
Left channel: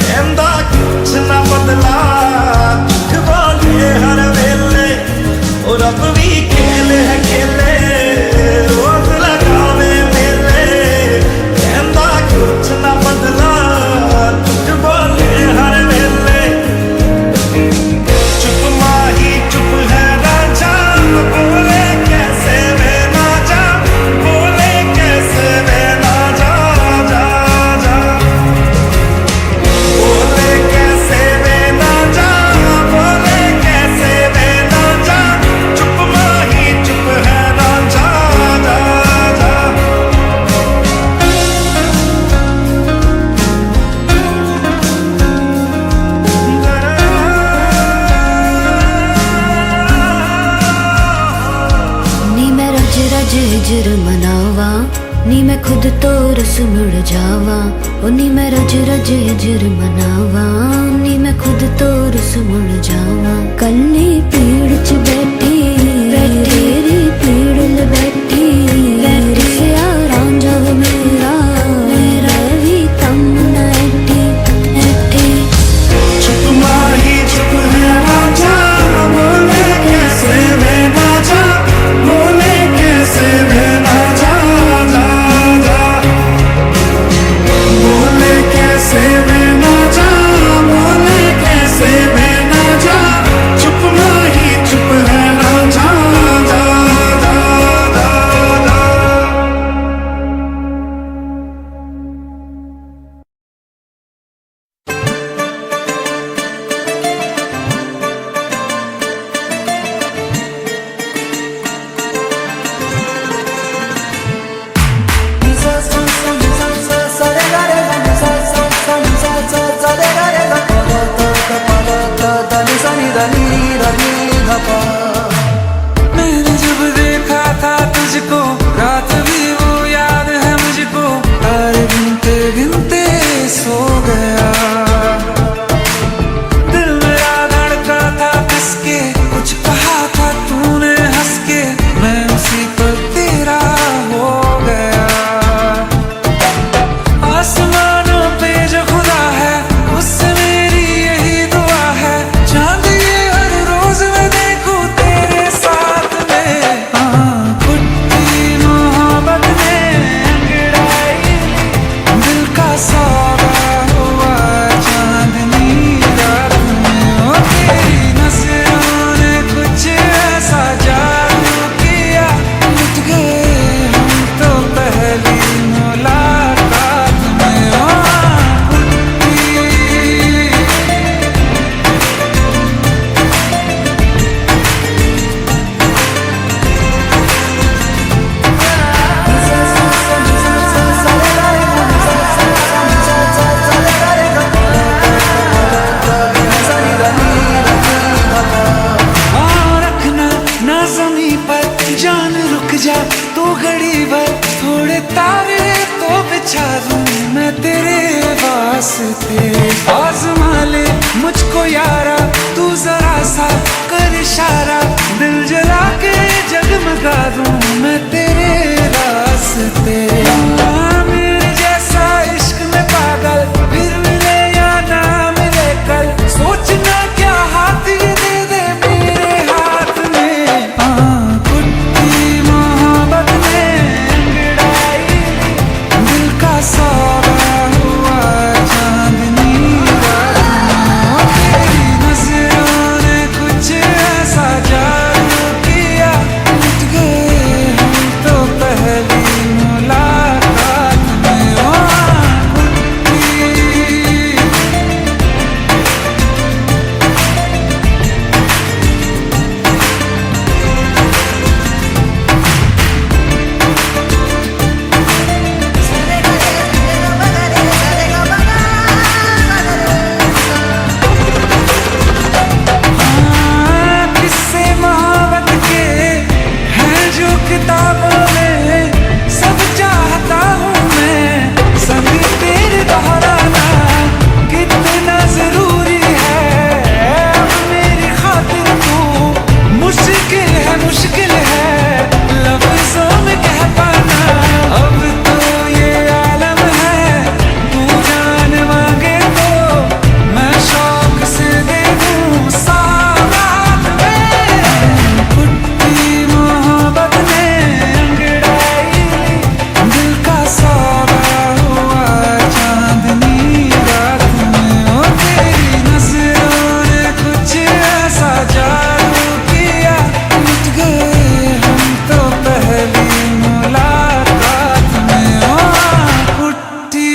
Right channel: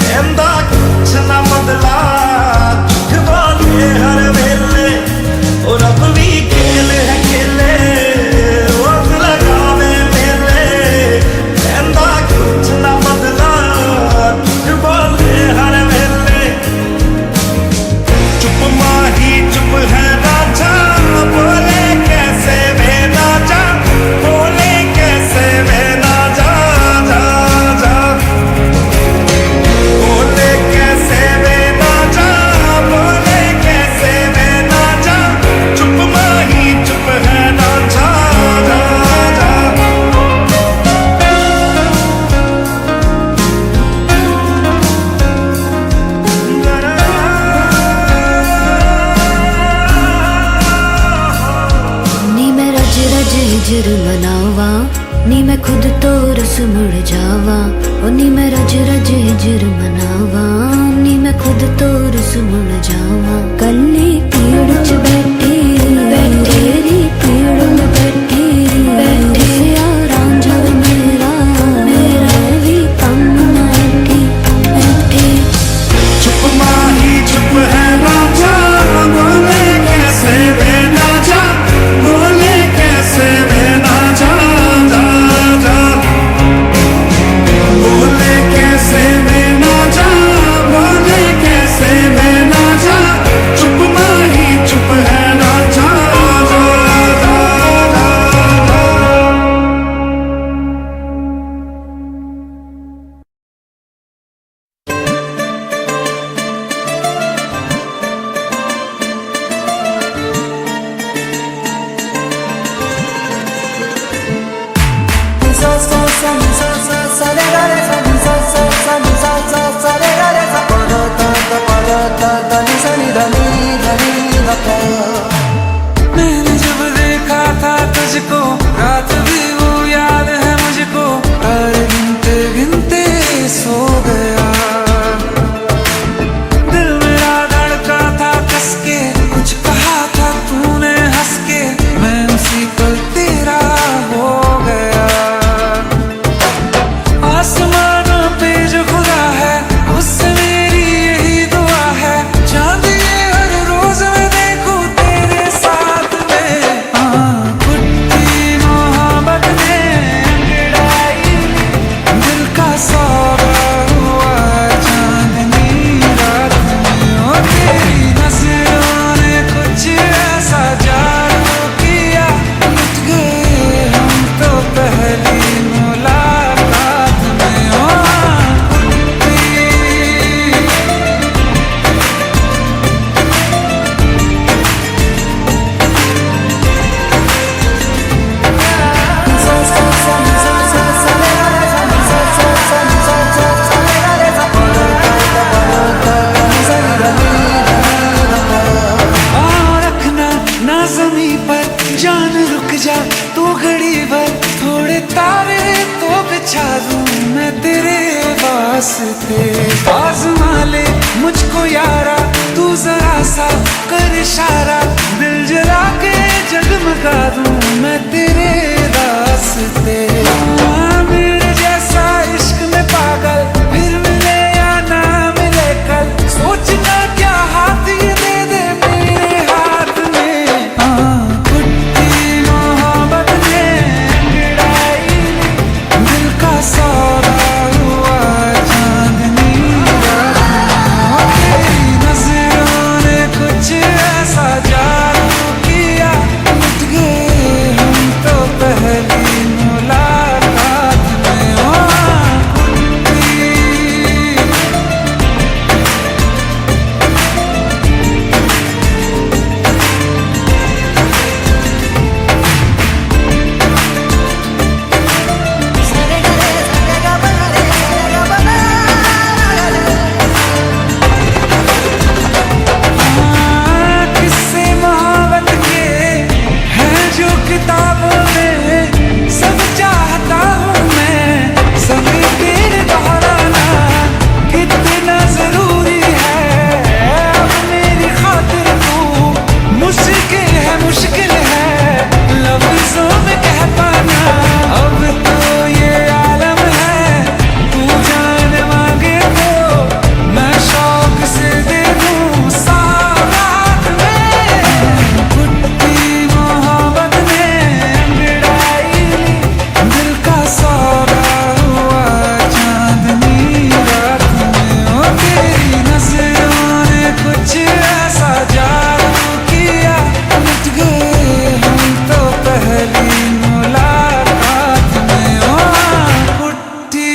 कहंदा कुछ ना बदला, झूठ बोले हर वेले। और अब भी खेल है खेले, रोज लगावे मेले, कहंदा कुछ ना बदला, झूठ बोले हर वेले। चुप माही चुप है रांझा, बोले कैसे वे ना जा, बोले कैसे वे ना जा जा जा। बोले कैसे वे ना जा, बोले कैसे वे ना जा। चुप माही चुप है रांझा जा जा। नी मैं रज रज हिजर मनावा, नी मैं खुद तो रस मुड़ जावा। ओ नी मैं रज रज हिजर मनावा, नी मैं खुद तो रस मुड़ जावा। कल्ली पेड़ च बैठी तेरी पेड़ न बैठी, दिसया रांझा वे मेरा, मेरा भी तम न ऐठी ऐठी। चुप माही चुप है रांझा, बोले कैसे वे ना जा, बोले कैसे वे ना जा जा जा। बोले कैसे वे ना जा, बोले कैसे वे ना जा। चुप माही चुप है रांझा जा जा जा जा। मैंने जब देखा था तुझको, रात भी वो याद है मुझको, तारे गिनते गिनते सो गया। दिल मेरा धड़का था कस के, कुछ कहा था तूने हंस के, मैं उसी पल तेरा हो गया। आसमानों पे जो खुदा है, उससे मेरी यही दुआ है, चांद ये हर रोज मैं देखूं तेरे साथ में। पुट्टी मोहब्बत ने अंगड़ाई ली, दिल का सौदा हुआ चांदनी रात में। ओ तेरी नजरों ने कुछ ऐसा जा जमी पर जान रुक जा तू घड़ी भर, थोड़े तारे तो बिछा दूं मैं तेरे वास्ते। आज़मा ले मुझको यारा तू जरा सा कर इशारा, दिल जला के जगमगा दूं मैं तेरे रास्ते। मेरे जैसा इश्क में पागल फिर मिले या ना मिले कल, सोचना क्या हाथ ये दे दे मेरे हाथ में। कुट्टी मोहब्बत ने अंगड़ाई ली, दिल का सौदा हुआ चांदनी रात में। तेरी नजरों ने कुछ ऐसा जादू किया, लुट गए हम तो पहली मुलाकात में। कुट्टी किस्से मोहब्बत के हैं जो किताबों में, सब चाहता हूँ मैं संग तेरे दोहराना। कितना जरूरी है अब मेरी खातिर तू, मुश्किल है लफ्जों में कह पाना। अब तो ये आलम है तू जान मांगे तो मैं शौक से दे दूं सौगात में। कुट्टी मोहब्बत ने अंगड़ाई ली, दिल का सौदा हुआ चांदनी रात में। तेरी नजरों ने कुछ ऐसा जादू किया, लुट गए हम तो पहली मुलाकात में। कुट्टी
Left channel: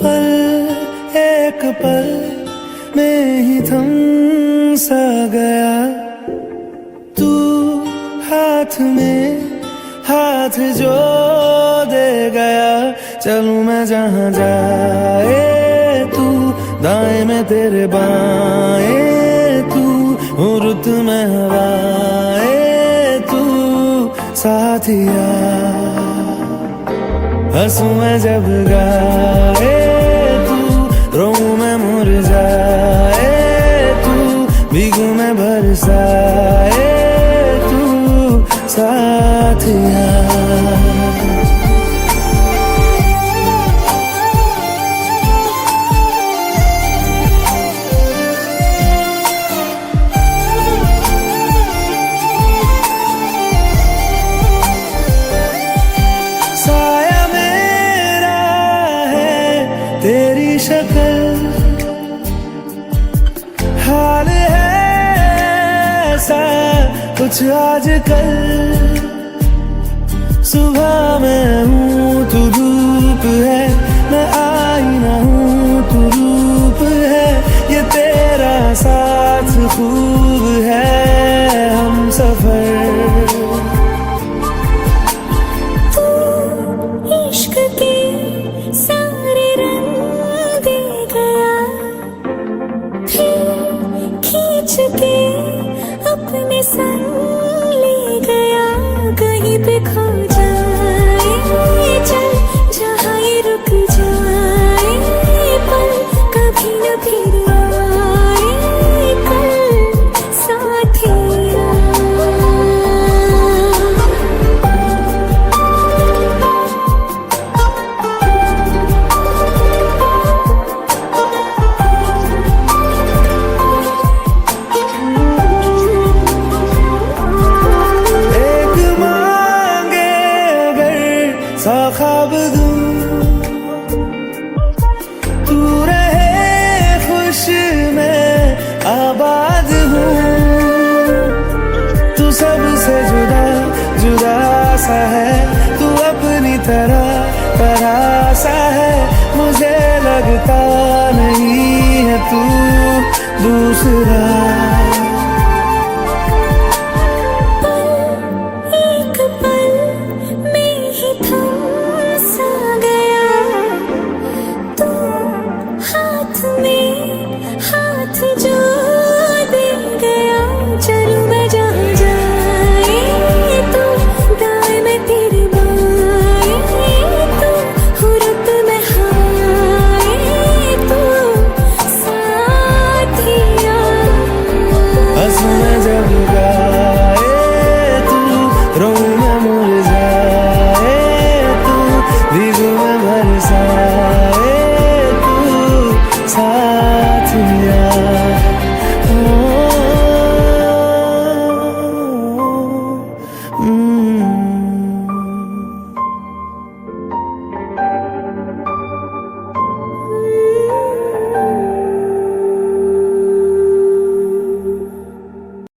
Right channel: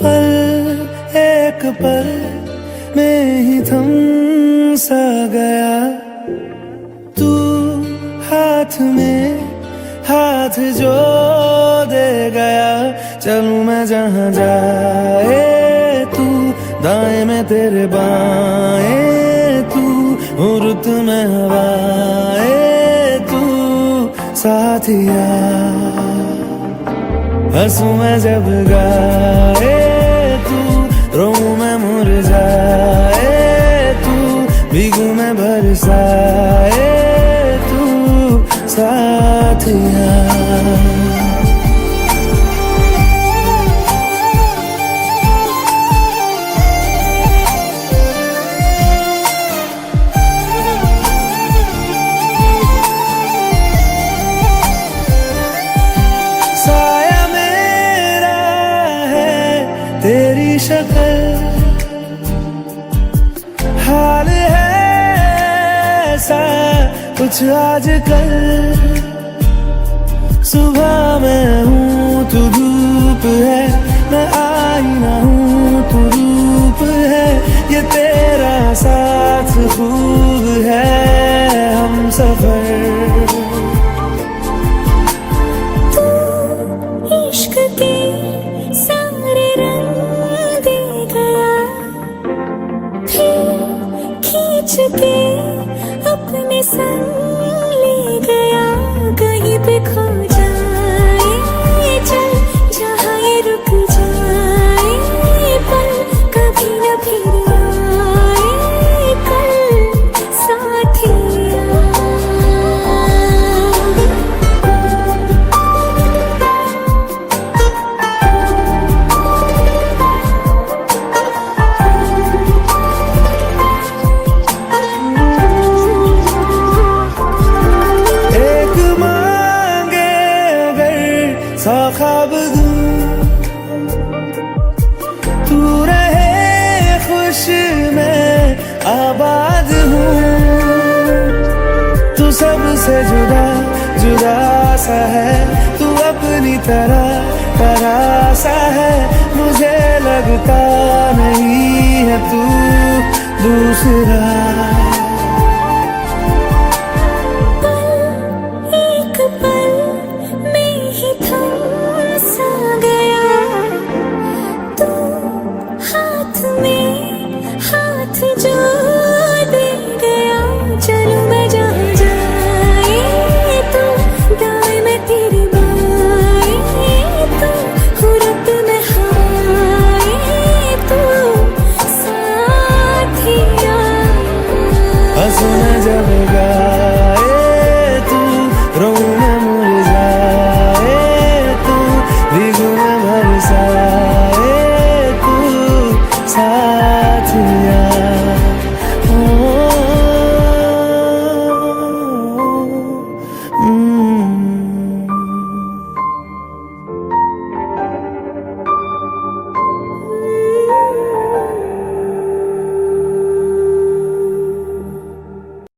पल एक पल में ही थम सा गया, तू हाथ में हाथ जो दे गया। चलूं मैं जहाँ जाए तू, दाएं में तेरे बाएं तू, रुत में हवाएं तू साथिया। हंसूं मैं जब गाए तू, रोऊं मैं मुरझाए तू, भीगूं मैं बरसाए तू साथिया। साया मेरा है तेरी शक्ल, हाल है ऐसा कुछ आजकल। सुबह मैं हूँ तू धूप है, मैं आईना हूँ तू रूप है। ये तेरा साथ खूब है हम सफर। इश्क के सारे रंग दे गया, फिर खींच के अपने संग ले गया। कहीं पे खो जाए चल जहाँ ये रुक जाए पल, कभी न फिर आए कल साथिया। सा ख्वाब दूं तू रहे खुश मैं आबाद हूँ। तू सबसे जुदा जुदा सा है, तू अपनी तरह सा है। मुझे लगता नहीं है तू दूसरा। एक पल में ही थम सा गया तू, हाथ में हाथ जो दे गया। चलूं मैं जहाँ जाए तू, दाएं मैं तेरे बाएं तू, हुरत में हाय तू साथिया। हंसूं मैं जब गाए तू, रोऊं मैं मुरझाए तू, भीगूं मैं बरसाए तू साथिया।